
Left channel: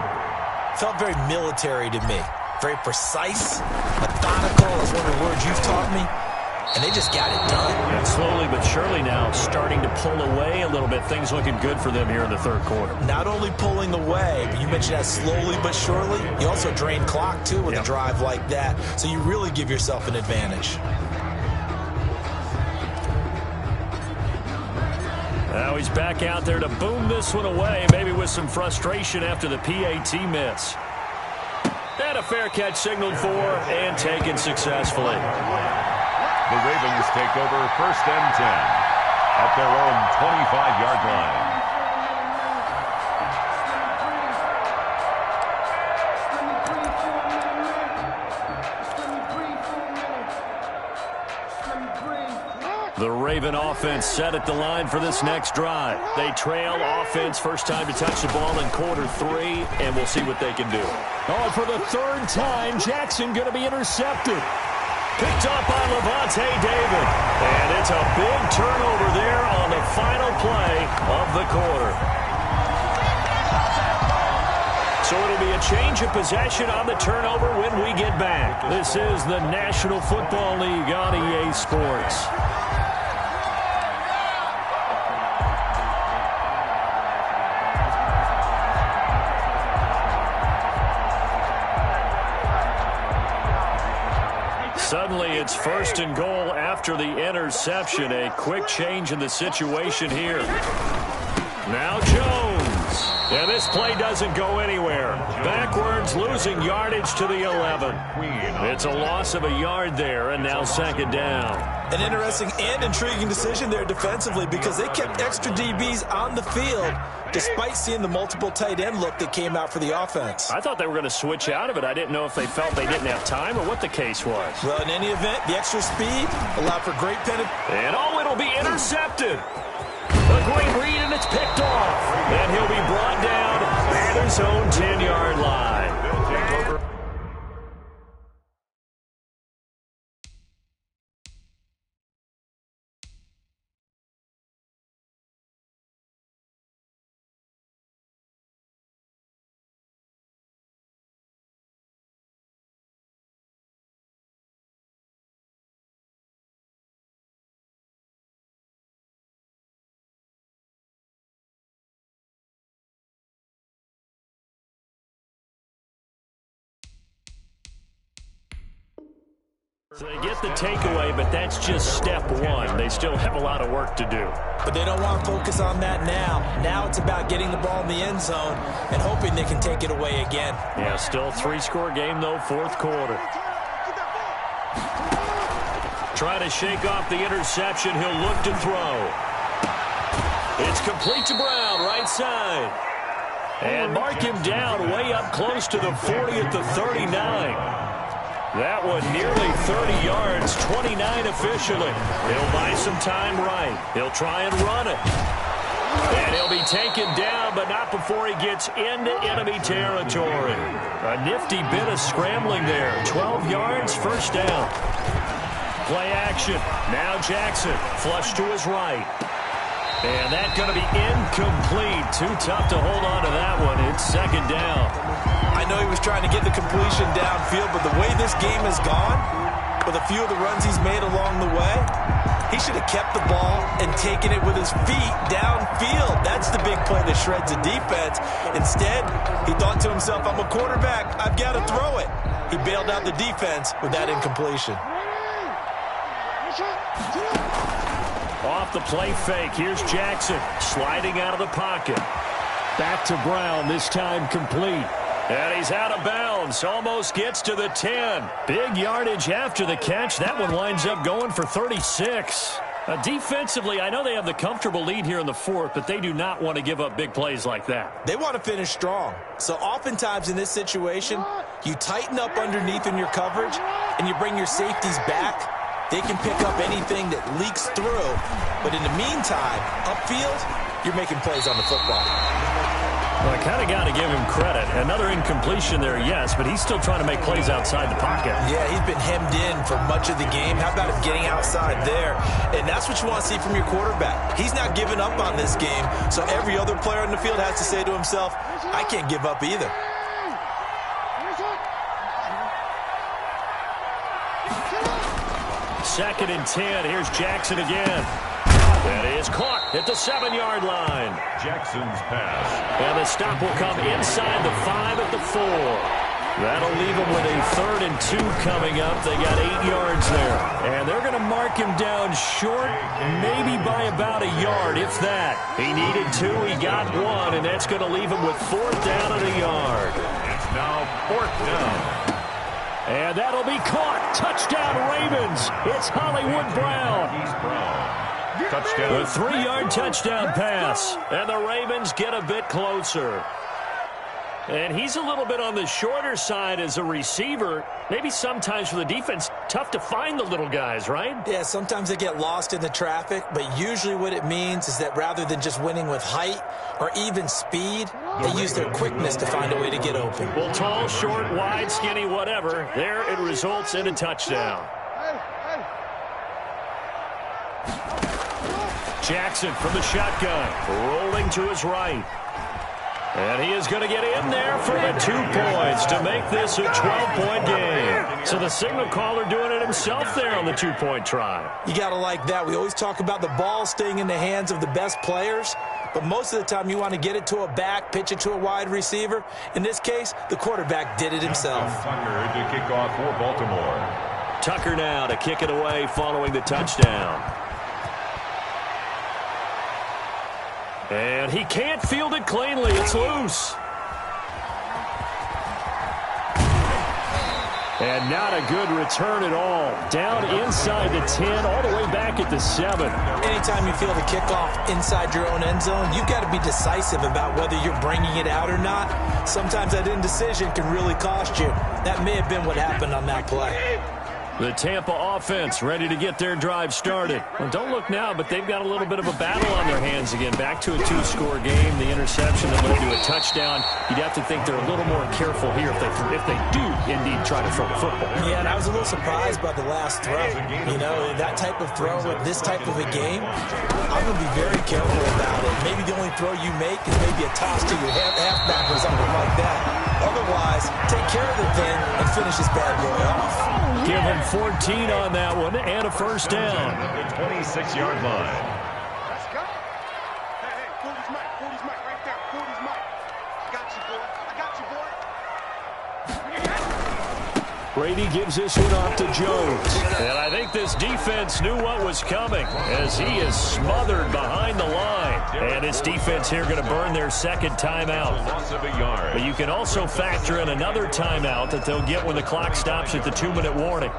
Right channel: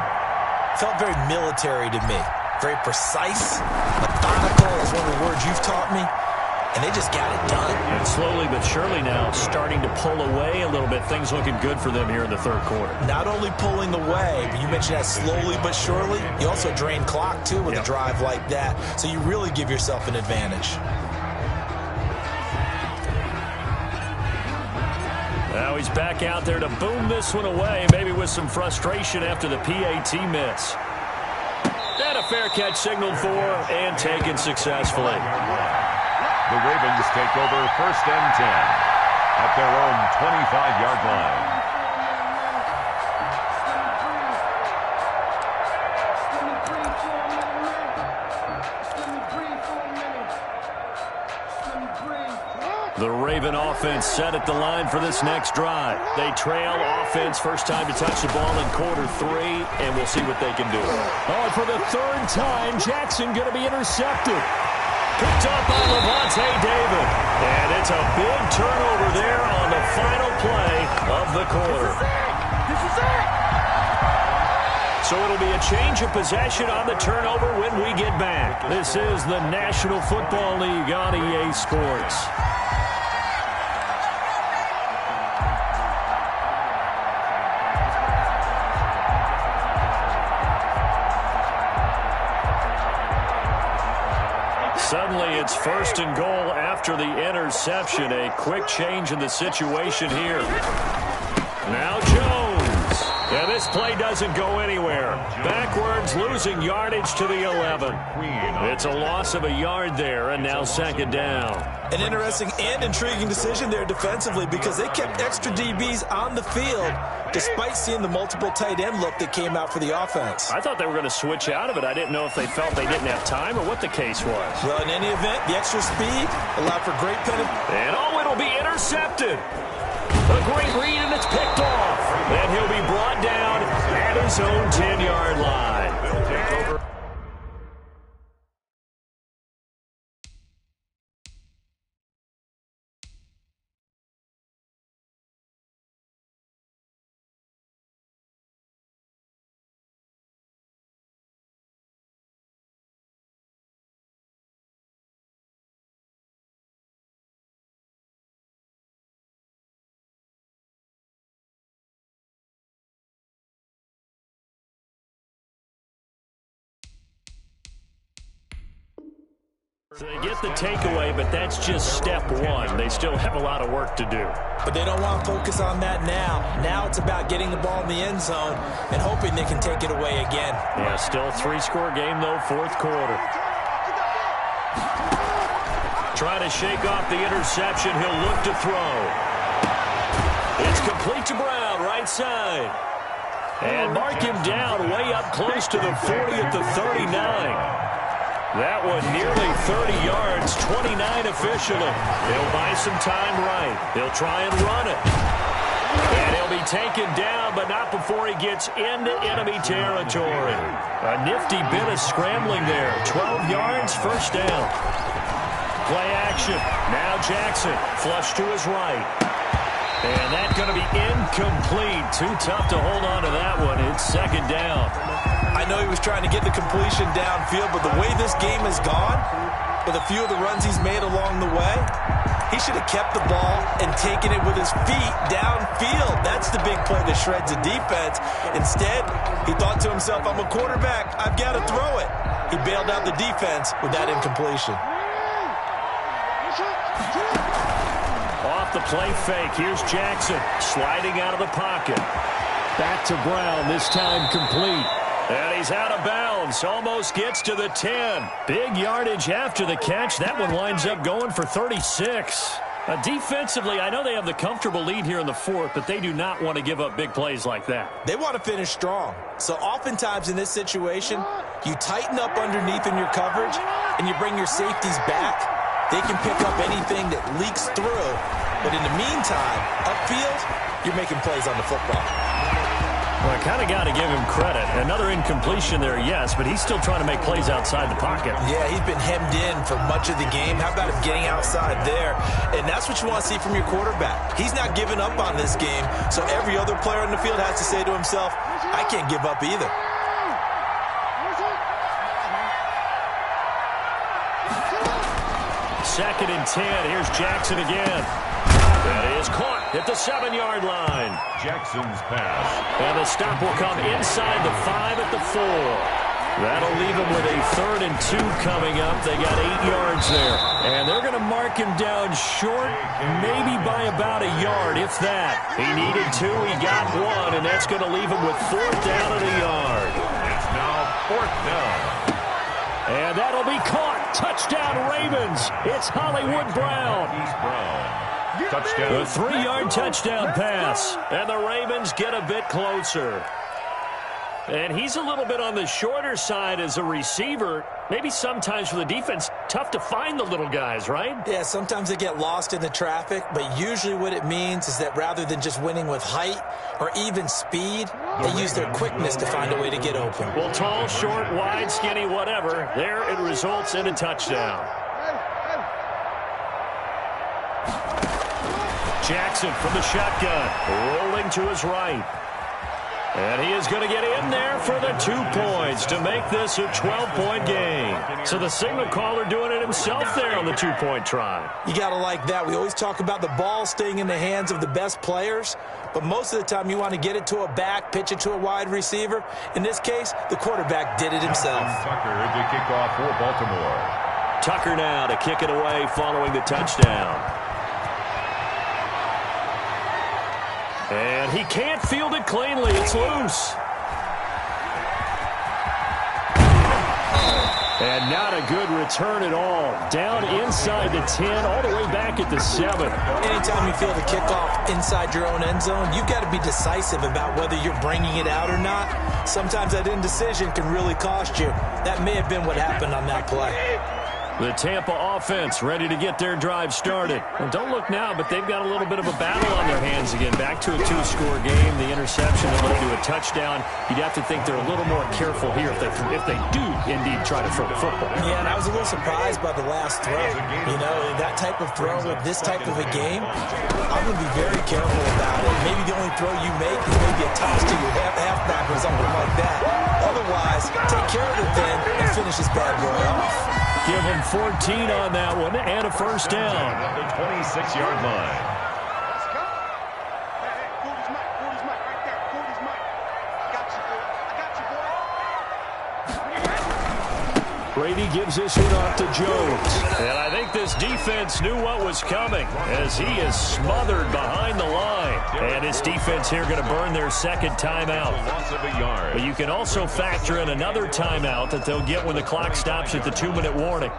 felt very military to me. Very precise, methodical is one of the words you've taught me. And they just got it done. And slowly but surely now starting to pull away a little bit. Things looking good for them here in the 3rd quarter. Not only pulling away, but you mentioned that slowly but surely. You also drain clock, too, with a drive like that. So you really give yourself an advantage. Now he's back out there to boom this one away, maybe with some frustration after the PAT miss. And a fair catch signaled for and taken successfully. The Ravens take over 1st and 10 at their own 25-yard line. The Raven offense set at the line for this next drive. They trail offense, first time to touch the ball in quarter 3, and we'll see what they can do. Oh, and for the 3rd time, Jackson going to be intercepted. Picked up by Levante David. And it's a big turnover there on the final play of the quarter. So it'll be a change of possession on the turnover when we get back. This is the National Football League on EA Sports. Suddenly, it's 1st and goal after the interception. A quick change in the situation here. Now Jones. Yeah, this play doesn't go anywhere. Backwards, losing yardage to the 11. It's a loss of a yard there, and now 2nd down. An interesting and intriguing decision there defensively because they kept extra DBs on the field despite seeing the multiple tight end look that came out for the offense. I thought they were going to switch out of it. I didn't know if they felt they didn't have time or what the case was. Well, in any event, the extra speed allowed for great penetration. And it'll be intercepted. A great read, and it's picked off. And he'll be brought down at his own 10-yard line. They'll take over. So they get the takeaway, but that's just step 1. They still have a lot of work to do. But they don't want to focus on that now. Now it's about getting the ball in the end zone and hoping they can take it away again. Yeah, still 3-score game, though, 4th quarter. Try to shake off the interception. He'll look to throw. It's complete to Brown, right side. And mark him down way up close to the 40 at the 39. That one nearly 30 yards, 29 officially. He'll buy some time right. He'll try and run it. And he'll be taken down, but not before he gets into enemy territory. A nifty bit of scrambling there. 12 yards, first down. Play action. Now Jackson, flush to his right. And that's going to be incomplete. Too tough to hold on to that one. It's 2nd down. I know he was trying to get the completion downfield, but the way this game has gone, with a few of the runs he's made along the way, he should have kept the ball and taken it with his feet downfield. That's the big play that shreds the defense. Instead, he thought to himself, I'm a quarterback. I've got to throw it. He bailed out the defense with that incompletion. Off the play fake, here's Jackson sliding out of the pocket. Back to Brown, this time complete. And he's out of bounds, almost gets to the 10. Big yardage after the catch. That one winds up going for 36. Defensively, I know they have the comfortable lead here in the fourth, but they do not want to give up big plays like that. They want to finish strong. So oftentimes in this situation, you tighten up underneath in your coverage and you bring your safeties back. They can pick up anything that leaks through. But in the meantime, upfield, you're making plays on the football. Well, I kind of got to give him credit. Another incompletion there, yes, but he's still trying to make plays outside the pocket. Yeah, he's been hemmed in for much of the game. How about him getting outside there? And that's what you want to see from your quarterback. He's not giving up on this game, so every other player on the field has to say to himself, I can't give up either. Second and 10. Here's Jackson again. That is caught at the 7-yard line. Jackson's pass. And the stop will come inside the 5 at the 4. That'll leave them with a 3rd and 2 coming up. They got 8 yards there. And they're going to mark him down short, maybe by about a yard, if that. He needed 2, he got 1, and that's going to leave him with 4th down and a yard. It's now 4th down. And that'll be caught. Touchdown, Ravens. It's Hollywood Brown. He's Brown. Touchdown. A 3-yard touchdown pass. And the Ravens get a bit closer. And he's a little bit on the shorter side as a receiver. Maybe sometimes for the defense, tough to find the little guys, right? Yeah, sometimes they get lost in the traffic, but usually what it means is that rather than just winning with height or even speed, they use their quickness to find a way to get open. Well, tall, short, wide, skinny, whatever, there it results in a touchdown. Jackson from the shotgun, rolling to his right. And he is going to get in there for the 2 points to make this a 12-point game. So the signal caller doing it himself there on the 2-point try. You got to like that. We always talk about the ball staying in the hands of the best players, but most of the time you want to get it to a back, pitch it to a wide receiver. In this case, the quarterback did it himself. Tucker to kick off for Baltimore. Tucker now to kick it away following the touchdown. And he can't field it cleanly. It's loose. And not a good return at all. Down inside the 10, all the way back at the 7. Anytime you field a kickoff inside your own end zone, you've got to be decisive about whether you're bringing it out or not. Sometimes that indecision can really cost you. That may have been what happened on that play. The Tampa offense ready to get their drive started. Well, don't look now, but they've got a little bit of a battle on their hands again. Back to a 2-score game. The interception that led to a touchdown. You'd have to think they're a little more careful here if they do indeed try to throw the football. Yeah, and I was a little surprised by the last throw. You know, that type of throw with this type of a game, I'm going to be very careful about it. Maybe the only throw you make is maybe a toss to your halfback or something like that. Otherwise, take care of the thing and finish this bad boy off. Give him 14 on that one and a 1st down. At the 26-yard line. Let's go. Hey, 40's Mike right there. 40's Mike. I got you, boy. Brady gives this one off to Jones. And I think this defense knew what was coming as he is smothered behind the line. And this defense here going to burn their 2nd timeout. Loss of a yard. But you can also factor in another timeout that they'll get when the clock stops at the 2-minute warning.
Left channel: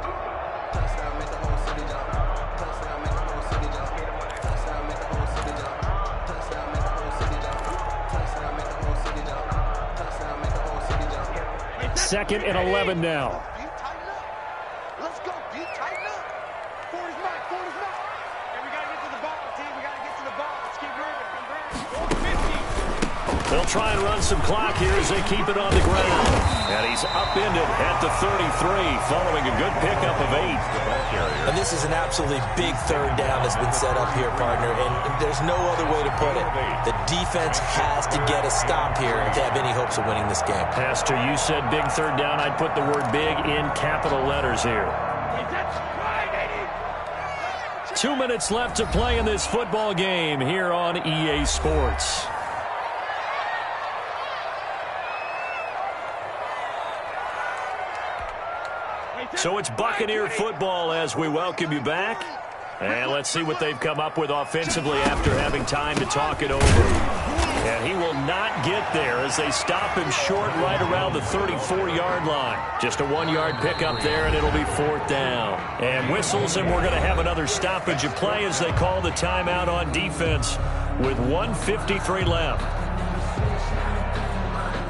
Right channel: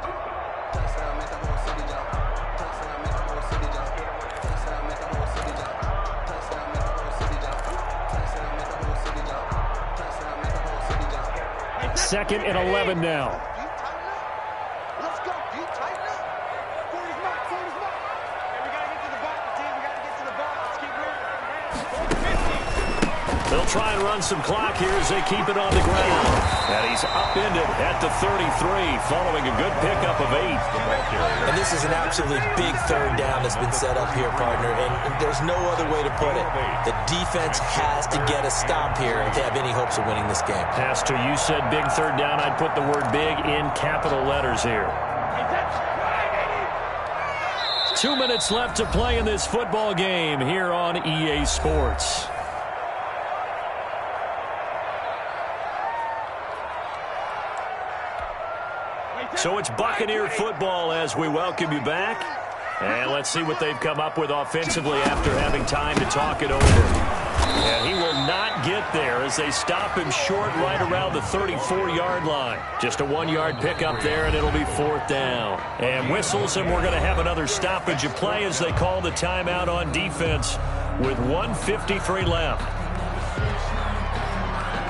Second and 11 now. Let's go. Deep, tighten up. 40's Mike. Hey, we got to get to the ball, team. We got to get to the ball. Let's keep moving. 50. They'll try and run some clock here as they keep it on the ground. And he's upended at the 33 following a good pickup of 8. The ball carrier. And this is an absolutely big 3rd down that's been set up here, partner. And there's no other way to put it. The defense has to get a stop here if they have any hopes of winning this game. Pastor, you said big 3rd down. I'd put the word big in capital letters here. Hey, that's right, 80. 2 minutes left to play in this football game here on EA Sports. So it's Buccaneer football as we welcome you back. And let's see what they've come up with offensively after having time to talk it over. And he will not get there as they stop him short right around the 34-yard line. Just a 1-yard pickup there, and it'll be 4th down. And whistles, and we're going to have another stoppage of play as they call the timeout on defense with 1:53 left.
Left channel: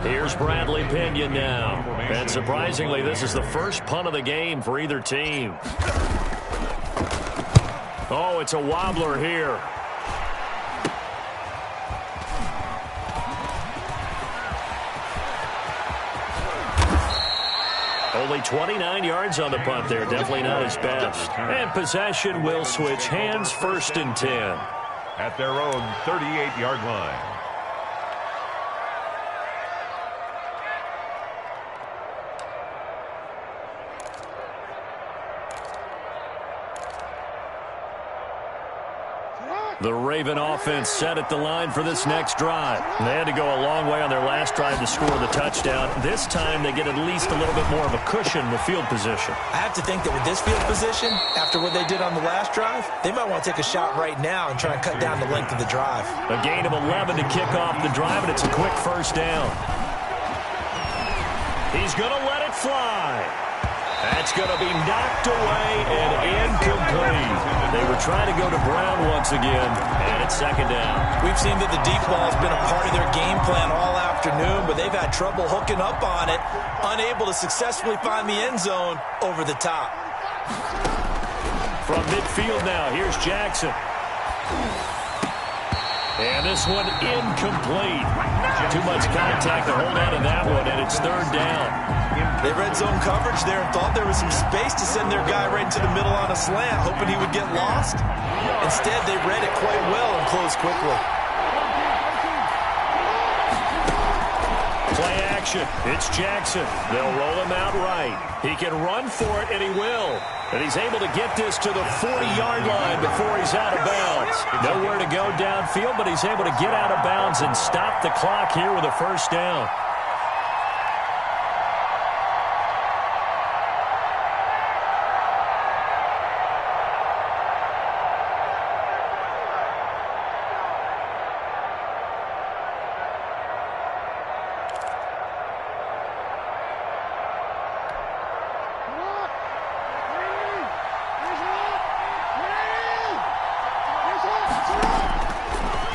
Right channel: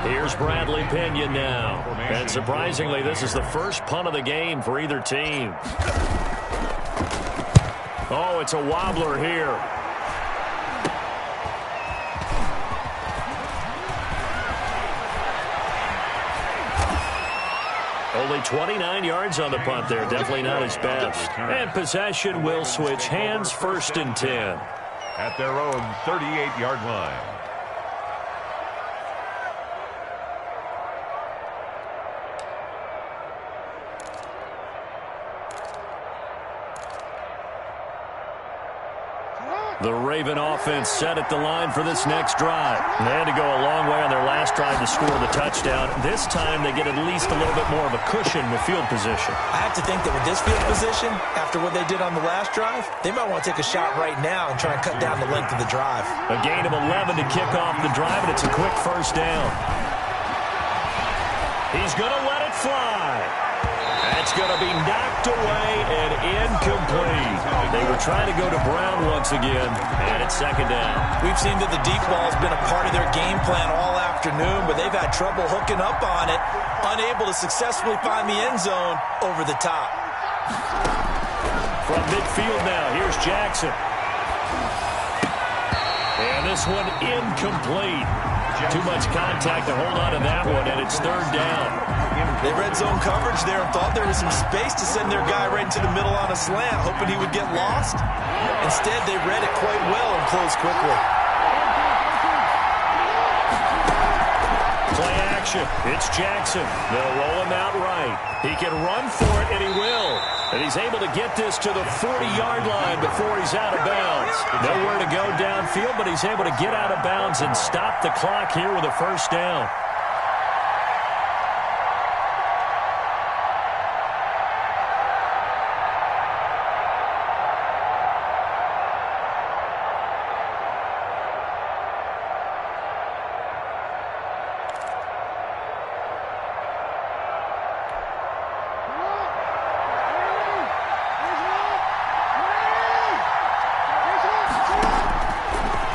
Here's Bradley Pinion now. And surprisingly, this is the first punt of the game for either team. Oh, it's a wobbler here. Only 29 yards on the punt there. Definitely not his best. And possession will switch hands, 1st and 10. At their own 38-yard line. The Raven offense set at the line for this next drive. They had to go a long way on their last drive to score the touchdown. This time they get at least a little bit more of a cushion with field position. I have to think that with this field position, after what they did on the last drive, they might want to take a shot right now and try and cut down the length of the drive. A gain of 11 to kick off the drive, and it's a quick 1st down. He's going to let it fly. That's going to be knocked away and incomplete. They were trying to go to Brown once again, and it's 2nd down. We've seen that the deep ball has been a part of their game plan all afternoon, but they've had trouble hooking up on it, unable to successfully find the end zone over the top. From midfield now, here's Jackson. And this one incomplete. Too much contact to hold on to that one, and it's 3rd down. They read zone coverage there and thought there was some space to send their guy right into the middle on a slant, hoping he would get lost. Instead, they read it quite well and closed quickly. Play action. It's Jackson. They'll roll him out right. He can run for it, and he will. And he's able to get this to the 40-yard line before he's out of bounds. Nowhere to go downfield, but he's able to get out of bounds and stop the clock here with a 1st down.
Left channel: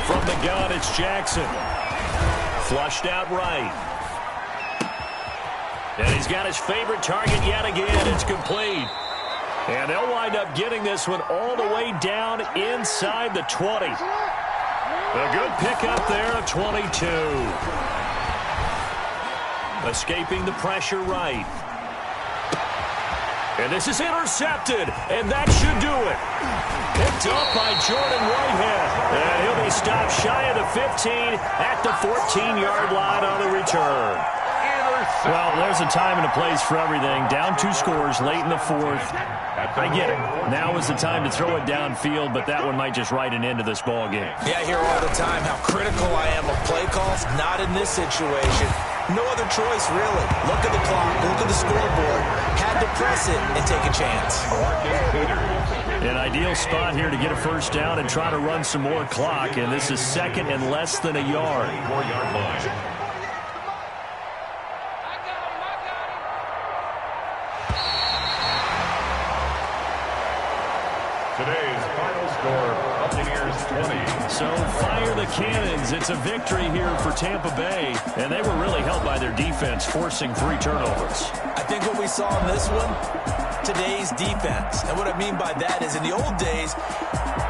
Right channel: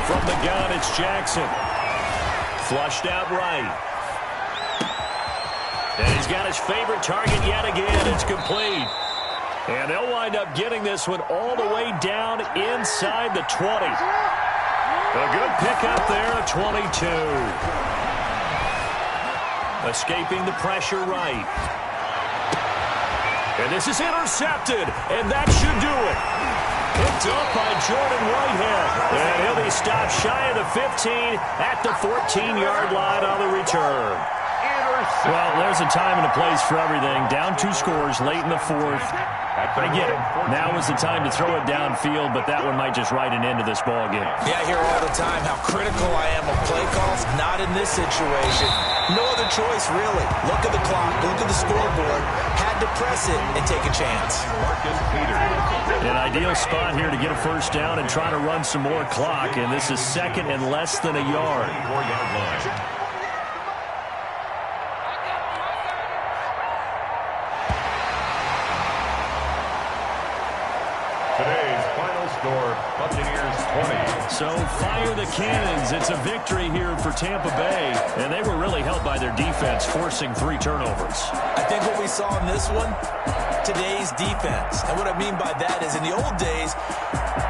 From the gun, it's Jackson. Flushed out right. And he's got his favorite target yet again. It's complete. And they'll wind up getting this one all the way down inside the 20. A good pickup there of 22. Escaping the pressure right. And this is intercepted, and that should do it. Picked up by Jordan Whitehead. And he'll be stopped shy of the 15 at the 14-yard line on the return. Well, there's a time and a place for everything. Down 2 scores late in the 4th. I get it. Now is the time to throw it downfield, but that one might just write an end to this ball game. Yeah, I hear all the time how critical I am of play calls. Not in this situation. No other choice, really. Look at the clock. Look at the scoreboard. Had to press it and take a chance. An ideal spot here to get a 1st down and try to run some more clock, and this is 2nd and less than a yard. 4-yard line. Today's final score, Buccaneers 20. So fire the cannons. It's a victory here for Tampa Bay, and they were really helped by their defense, forcing 3 turnovers. I think what we saw in this one, today's defense. And what I mean by that is in the old days,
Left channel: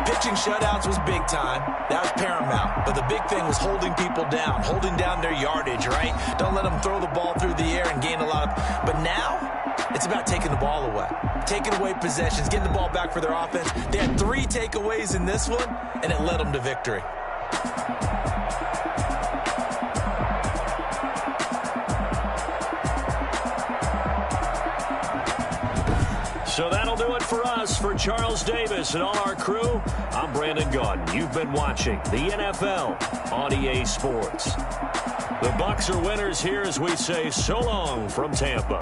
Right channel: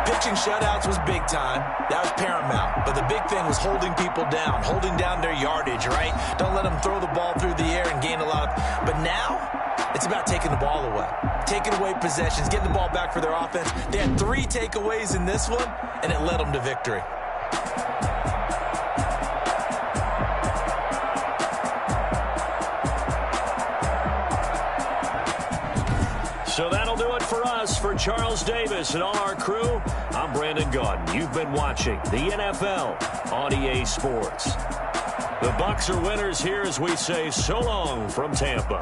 pitching shutouts was big time. That was paramount. But the big thing was holding people down, holding down their yardage, right? Don't let them throw the ball through the air and gain a lot of... But now, it's about taking the ball away. Taking away possessions, getting the ball back for their offense. They had 3 takeaways in this one, and it led them to victory. So that'll do it for us. For Charles Davis and all our crew, I'm Brandon Gaudin. You've been watching the NFL on EA Sports. The Bucs are winners here as we say so long from Tampa.